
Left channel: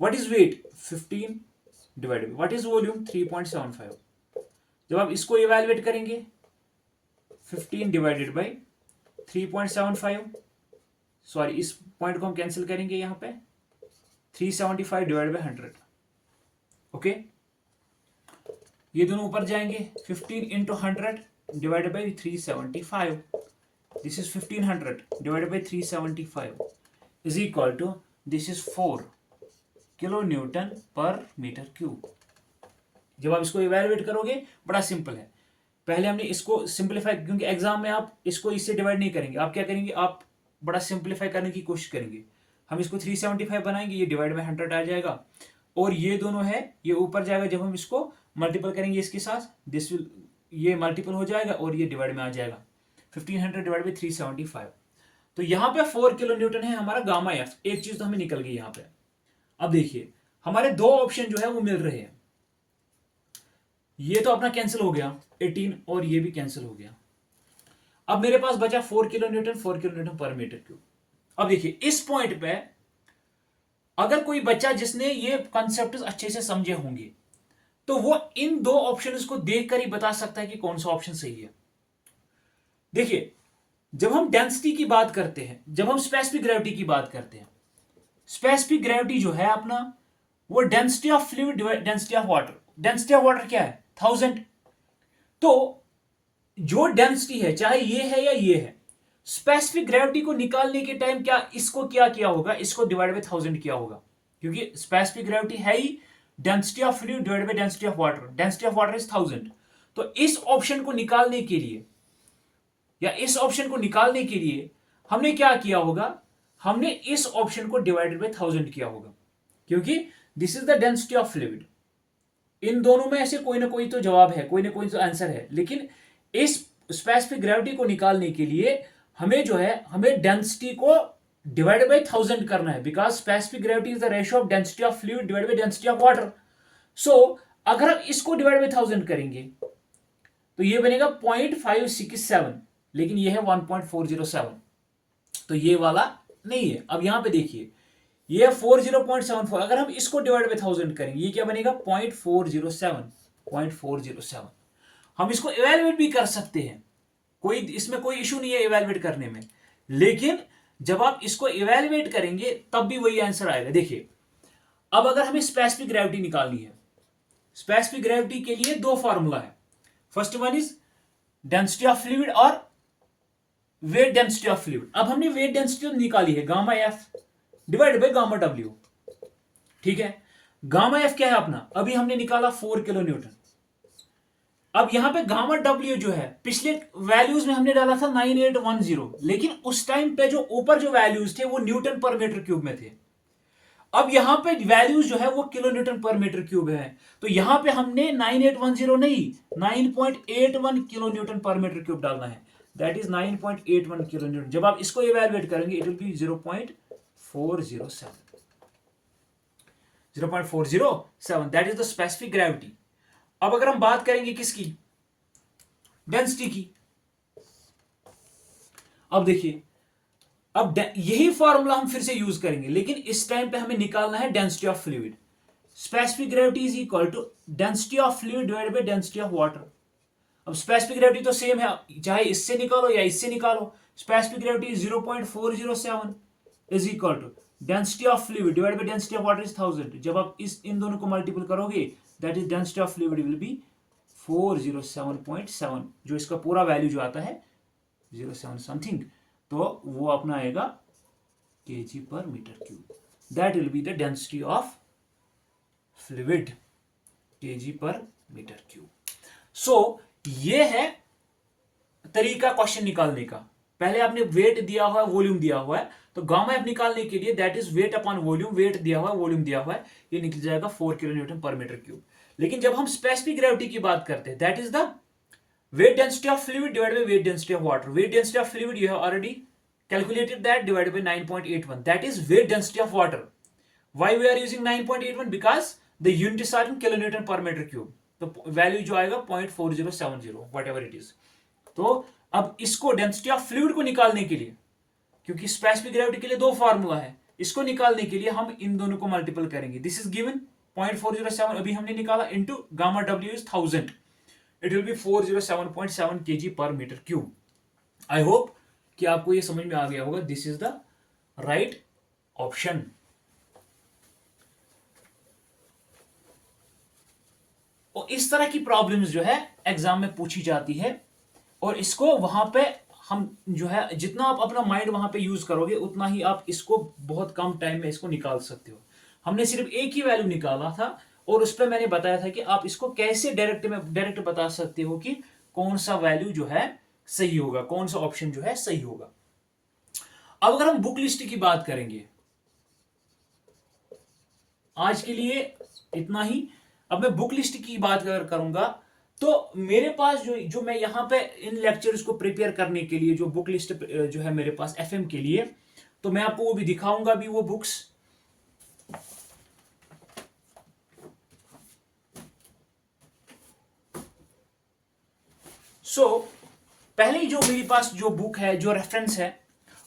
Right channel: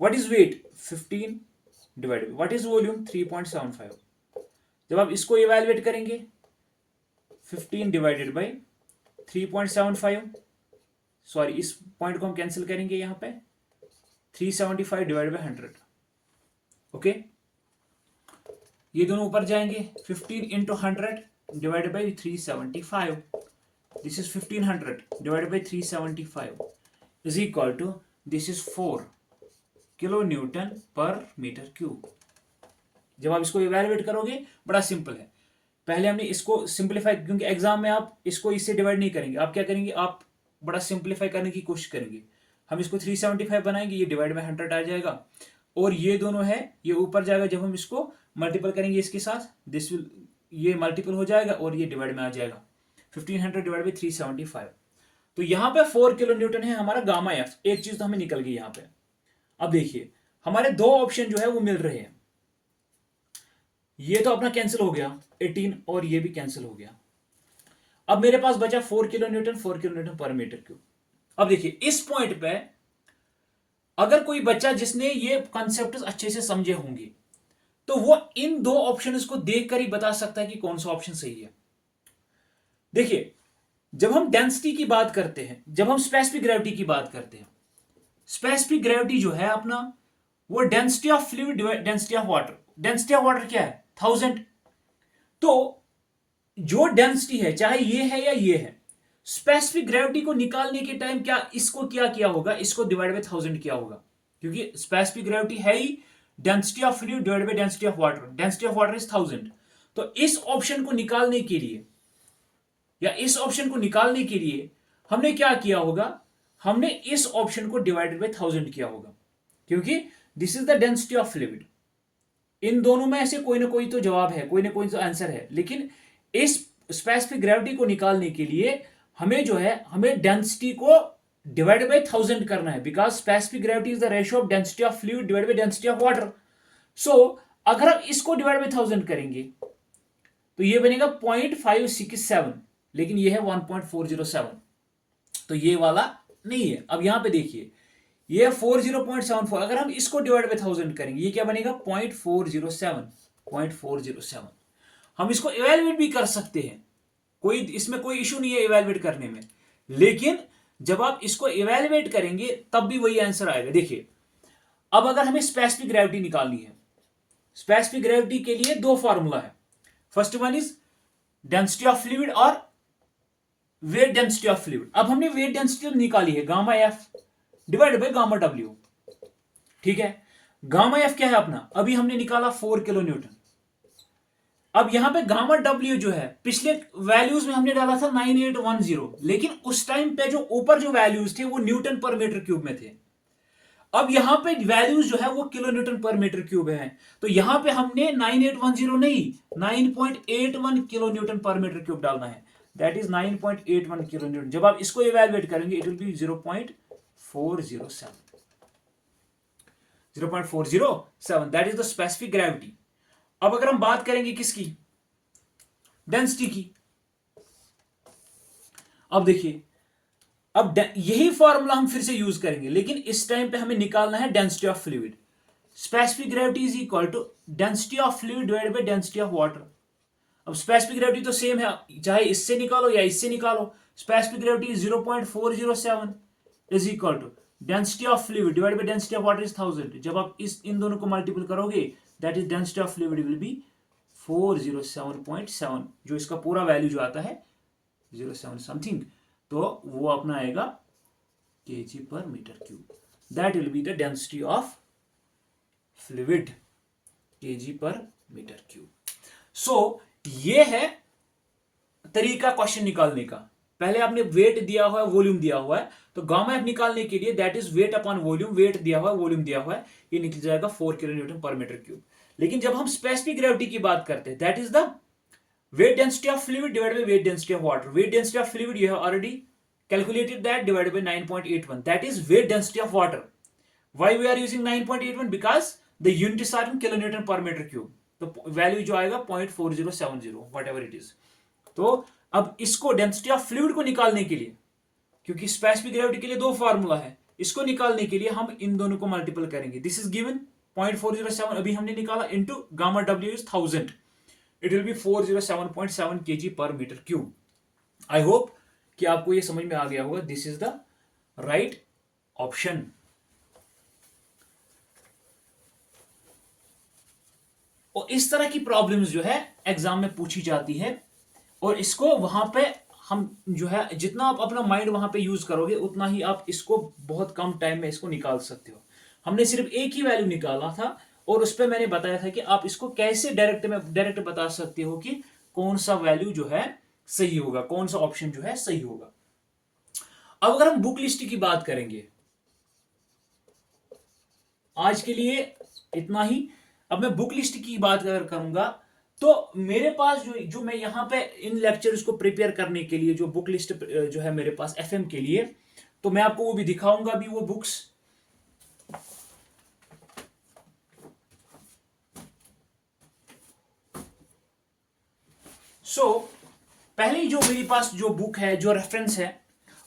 What is weight? 15 divided by what is volume? 3.75. जब आप इसको इवैल्यूएट करेंगे 15 डिवाइडेड बाय 3.75, सॉरी इस पॉइंट को हम कैंसिल करेंगे, यहां पे 375 डिवाइडेड बाय 100। ओके, ये दोनों ऊपर जाएंगे, 15 into 100 divided by 375, this is 1500 divided by 375 is equal to, this is 4 kilo newton per metre cube. जब आप इसको इवैल्यूएट करोगे बड़ा सिंपल है, पहले हमने इसको सिंपलीफाई, क्योंकि एग्जाम में आप इसको इससे डिवाइड नहीं करेंगे, आप क्या करेंगे, आप बड़ा सिंपलीफाई करने की कोशिश करेंगे। हम इसको 375 बनाएंगे, ये डिवाइड बाय 100 आ जाएगा, और ये दोनों है ये ऊपर जाएगा, जब हम इसको मल्टीपल करेंगे इसके साथ, दिस विल, ये मल्टीपल हो जाएगा और ये डिवाइड में आ जाएगा, 1500 डिवाइड बाई 375। तो यहां पे 4 किलो न्यूटन है हमारा गामा एफ, एक चीज तो हमें निकल गई यहां पे। अब देखिए हमारे दो ऑप्शन जो है वो मिल रहे हैं, ये तो अपना कैंसिल हो गया 18, और ये भी कैंसिल हो गया। अब मेरे पास बचा 4 kilo Newton, 4 kilo newton per metre cube. अब देखिए इस पॉइंट पे अगर कोई बच्चा जिसने ये कॉन्सेप्ट अच्छे से समझे होंगे, तो वो इन दो ऑप्शन को देखकर ही बता सकता है कि कौन सा ऑप्शन सही है। देखिए जब हम डेंसिटी की बात करते हैं, जब हम स्पेसिफिक ग्रेविटी की बात करते हैं, स्पेसिफिक ग्रेविटी जो है अपना वो density of fluid density of water, density of water क्या है 1000। तो जो डेंसिटी है चाहे ये है या ये है, स्पेसिफिक ग्रेविटी को निकालने के टाइम क्या इसको क्या किया होगा, इसको डिवाइड बाय 1000 किया होगा, क्योंकि स्पेसिफिक ग्रेविटी है ही density of fluid divide by density of water, density of water is 1000। तो इस ऑप्शन को निकालने के लिए, या इस ऑप्शन को निकालने के लिए हमने क्या किया होगा, हमने इस ऑप्शन को डिवाइडेड बाय 1000 किया होगा, क्योंकि this is the density of fluid. इन दोनों में ऐसे कोई ना कोई तो जवाब है, कोई ना कोई तो आंसर है, लेकिन इस स्पेसिफिक ग्रेविटी को निकालने के लिए हमें जो है, हमें डेंसिटी को डिवाइडेड बाय 1000 करना है, because specific gravity is the ratio of density of fluid divided by density of water. So अगर हम इसको डिवाइड बाय 1000 करेंगे तो ये बनेगा 0.567, लेकिन ये है 1.407, तो ये वाला नहीं है। अब यहां पे देखिए ये 40.74, अगर हम इसको डिवाइड बाय 1000 करेंगे ये क्या बनेगा 0.407। हम इसको इवैल्यूएट भी कर सकते हैं, कोई इसमें कोई इशू नहीं है इवैल्यूएट करने में, लेकिन जब आप इसको इवैल्यूएट करेंगे तब भी वही आंसर आएगा। देखिए अब अगर हमें स्पेसिफिक ग्रेविटी निकालनी है, स्पेसिफिक ग्रेविटी के लिए दो फॉर्मूला है। First one is density of fluid और वेट डेंसिटी ऑफ फ्लूइड। अब हमने वेट डेंसिटी निकाली है gamma F divided by gamma W, ठीक है। गामा एफ क्या है अपना, अभी हमने निकाला 4 किलो न्यूटन। अब यहां पे गामा डब्ल्यू जो है पिछले वैल्यूज में हमने डाला था 9810, लेकिन उस टाइम पे जो ऊपर जो वैल्यूज थे वो न्यूटन पर मीटर क्यूब में थे। अब यहां पे वैल्यूज जो है वो kilo newton per metre cube है, तो यहां पे हमने 9810 नहीं 9.81 kilo newton per metre cube डालना है। That is 9.81 kilo Newton. जब आप इसको इवेलुएट करेंगे it will be 0.407, 0.407, that is the specific gravity. अब अगर हम बात करेंगे किसकी, डेंसिटी की, अब देखिए अब यही फॉर्मूला हम फिर से यूज करेंगे, लेकिन इस टाइम पे हमें निकालना है density of fluid. Specific gravity is equal to density of fluid divided by density of water. अब स्पेसिफिक ग्रेविटी तो सेम है, चाहे इससे निकालो या इससे निकालो। Specific gravity 0.407 is equal to density of fluid divided by density of water is 1000। जब आप इन दोनों को मल्टीपल करोगे that is density of fluid will be 407.7, जो इसका पूरा वैल्यू जो आता है 07 समथिंग, तो वो अपना आएगा kg per metre cube. That will be the density of fluid kg per metre cube. So ये है तरीका क्वेश्चन निकालने का। पहले आपने वेट दिया हुआ है, वॉल्यूम दिया हुआ है, तो गामा एफ निकालने के लिए that is weight upon volume, weight दिया हुआ है वॉल्यूम दिया हुआ है, ये निकल जाएगा 4 kilo newton per metre cube. लेकिन जब हम स्पेसिफिक ग्रेविटी की बात करते हैं that is the weight density of fluid divided by weight density of water. Weight density of fluid you have already calculated that, divided by 9.81, that is weight density of water. Why we are using 9.81? Because the units are in kilonewton per meter cube, तो वैल्यू जो आएगा 0.4070 whatever it is। तो अब इसको डेंसिटी ऑफ फ्लूइड को निकालने के लिए, क्योंकि स्पेसिफिक ग्रेविटी के लिए दो फार्मूला है, इसको निकालने के लिए हम इन दोनों को मल्टीपल करेंगे। दिस इज गिवन 0.407 अभी हमने निकाला into gamma W is 1000, it will be 407.7 kg per metre cube. I hope कि आपको ये समझ में आ गया होगा। This is the right option. और इस तरह की प्रॉब्लम्स जो है एग्जाम में पूछी जाती है, और इसको वहां पे हम जो है जितना आप अपना माइंड वहां पे यूज करोगे उतना ही आप इसको बहुत कम टाइम में इसको निकाल सकते हो। हमने सिर्फ एक ही वैल्यू निकाला था और उस पर मैंने बताया था कि आप इसको कैसे डायरेक्ट बता सकते हो कि कौन सा वैल्यू जो है सही होगा, कौन सा ऑप्शन जो है सही होगा। अब अगर हम बुक लिस्ट की बात करेंगे, आज के लिए इतना ही। अब मैं बुक लिस्ट की बात अगर करूंगा तो मेरे पास जो मैं यहां पे इन लेक्चर्स को प्रिपेयर करने के लिए जो बुक लिस्ट जो है मेरे पास एफएम के लिए, तो मैं आपको वो भी दिखाऊंगा भी वो बुक्स। पहले जो मेरे पास जो बुक है, जो रेफरेंस है,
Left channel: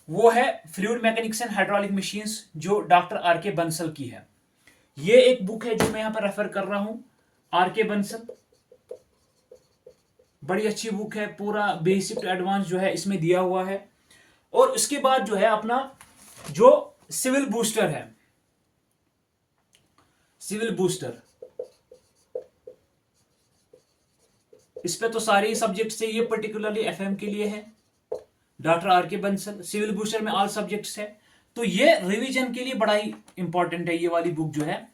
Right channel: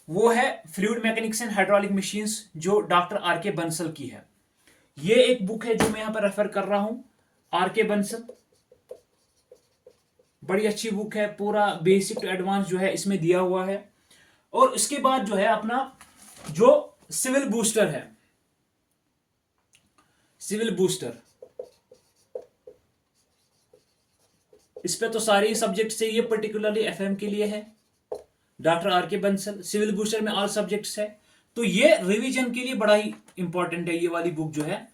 वो है fluid mechanics and hydraulic machines, जो डॉक्टर आर के बंसल की है। ये एक बुक है जो मैं यहां पर रेफर कर रहा हूं, आर के बंसल। बड़ी अच्छी बुक है, पूरा बेसिक टू एडवांस जो है इसमें दिया हुआ है। और उसके बाद जो है अपना जो सिविल बूस्टर है, सिविल बूस्टर, इस पे तो सारे सब्जेक्ट से, ये पर्टिकुलरली एफएम के लिए है, डॉक्टर आर के बंसल। सिविल बूस्टर में ऑल सब्जेक्ट्स है, तो ये रिवीजन के लिए बड़ा ही इंपॉर्टेंट है। ये वाली बुक जो है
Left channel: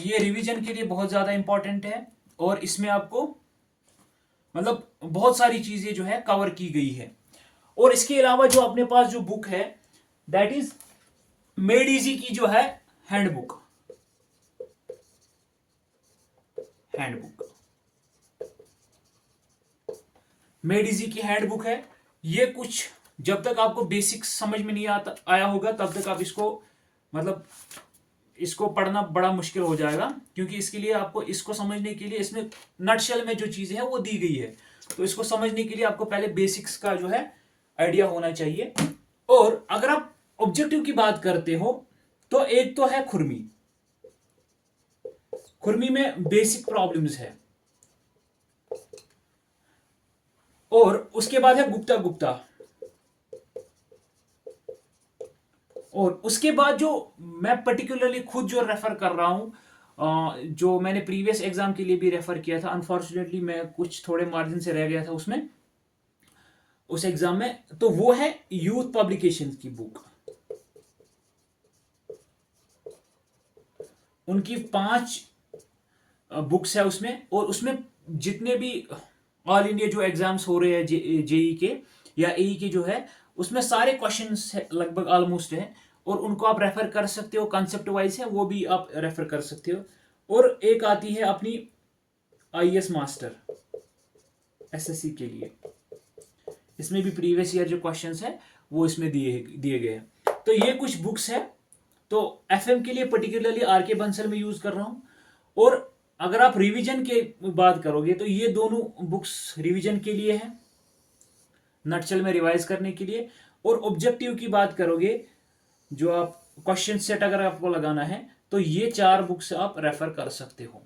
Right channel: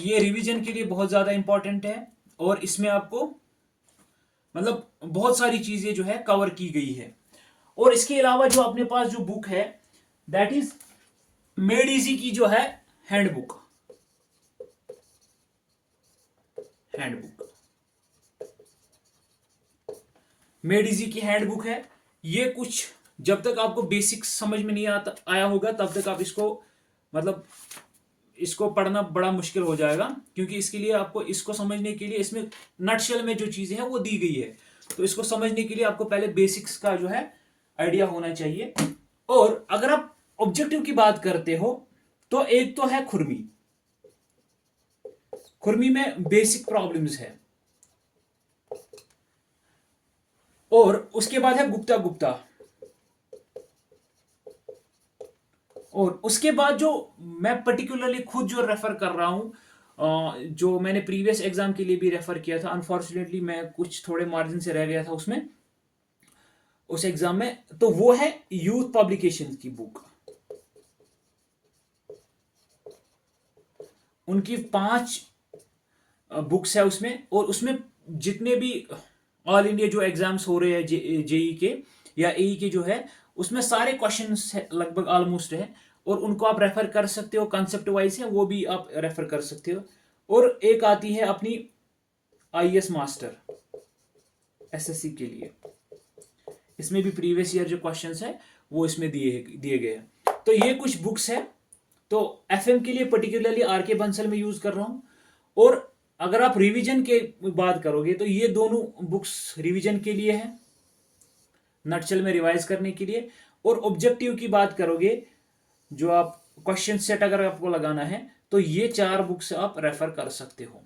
ये रिवीजन के लिए बहुत ज्यादा इंपॉर्टेंट है, और इसमें आपको मतलब बहुत सारी चीजें जो है कवर की गई है। और इसके अलावा जो अपने पास जो बुक है दैट इज मेड इजी की जो है हैंडबुक, मेड इजी की हैंडबुक है। ये कुछ जब तक आपको बेसिक्स समझ में नहीं आया होगा तब तक आप इसको मतलब इसको पढ़ना बड़ा मुश्किल हो जाएगा, क्योंकि इसके लिए आपको इसको समझने के लिए इसमें नटशेल में जो चीजें हैं वो दी गई है, तो इसको समझने के लिए आपको पहले बेसिक्स का जो है आइडिया होना चाहिए। और अगर आप ऑब्जेक्टिव की बात करते हो तो एक तो है खुरमी, खुरमी में बेसिक प्रॉब्लम्स है, और उसके बाद है गुप्ता गुप्ता, और उसके बाद जो मैं पर्टिकुलरली खुद जो रेफर कर रहा हूं जो मैंने प्रीवियस एग्जाम के लिए भी रेफर किया था, अनफॉर्चुनेटली मैं कुछ थोड़े मार्जिन से रह गया था उसमें, उस एग्जाम में, तो वो है यूथ पब्लिकेशन की बुक। उनकी 5 बुक्स है उसमें, और उसमें जितने भी ऑल इंडिया जो एग्जाम्स हो रहे हैं जेई के या एई के जो है, उसमें सारे क्वेश्चंस लगभग ऑलमोस्ट है, और उनको आप रेफर कर सकते हो, कंसेप्ट वाइज है वो भी आप रेफर कर सकते हो। और एक आती है अपनी आईएएस मास्टर एसएससी के लिए, इसमें भी प्रीवियस ईयर जो क्वेश्चंस है वो इसमें दिए दिए गए हैं। तो ये कुछ बुक्स है, तो एफएम के लिए पर्टिकुलरली आरके बंसल में यूज कर रहा हूं। और अगर आप रिवीजन के बात करोगे तो ये दोनों बुक्स रिवीजन के लिए है, नटशेल में रिवाइज करने के लिए। और ऑब्जेक्टिव की बात करोगे, जो आप क्वेश्चन सेट अगर आपको लगाना है, तो ये 4 बुक्स आप रेफर कर सकते हो।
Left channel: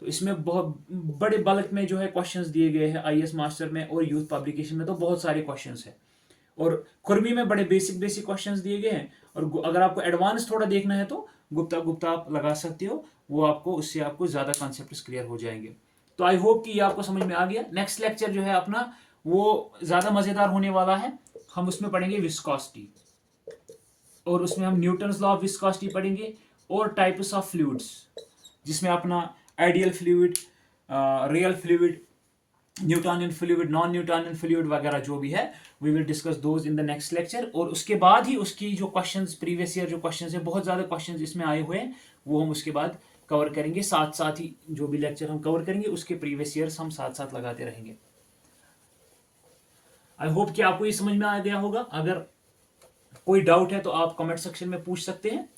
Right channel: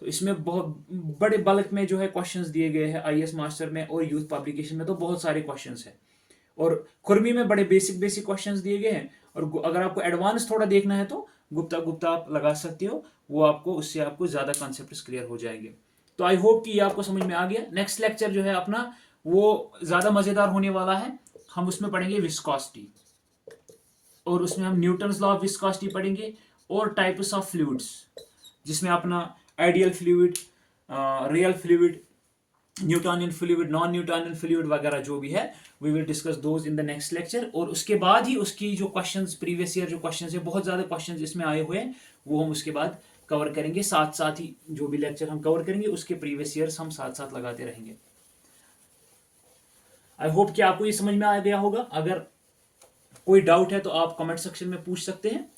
तो इसमें बहुत बड़े बल्क में जो है क्वेश्चंस दिए गए हैं आईएएस मास्टर में और यूथ पब्लिकेशन में, तो बहुत सारे क्वेश्चंस हैं। और खुरमी में बड़े बेसिक बेसिक क्वेश्चंस दिए गए हैं। और अगर आपको एडवांस थोड़ा देखना है तो गुप्ता गुप्ता आप लगा सकते हो, वो आपको उससे आपको ज़्यादा कॉन्सेप्ट्स क्लियर हो जाएंगे। तो आई होप कि ये आपको समझ में आ गया। नेक्स्ट लेक्चर जो है अपना वो ज़्यादा मज़ेदार होने वाला है। हम उसमें पढ़ेंगे विस्कोसिटी, और उसमें हम न्यूटन्स लॉ ऑफ विस्कोसिटी पढ़ेंगे, और टाइप्स ऑफ फ्लूइड्स, जिसमें अपना ideal fluid, real fluid, newtonian fluid, non newtonian fluid वगैरह जो भी है, we will discuss those in the next lecture. और उसके बाद ही उसकी जो क्वेश्चंस प्रीवियस ईयर जो क्वेश्चंस है, बहुत ज़्यादा क्वेश्चंस इसमें आए हुए हैं, वो हम उसके बाद कवर करेंगे। साथ साथ ही जो भी लेक्चर हम कवर करेंगे उसके प्रीवियस ईयर्स हम साथ साथ लगाते रहेंगे। आई होप कि आपको ये समझ में आ गया होगा। अगर कोई डाउट है तो आप कमेंट सेक्शन में पूछ सकते हैं।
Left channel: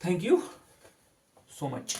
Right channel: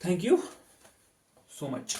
Thank you so much.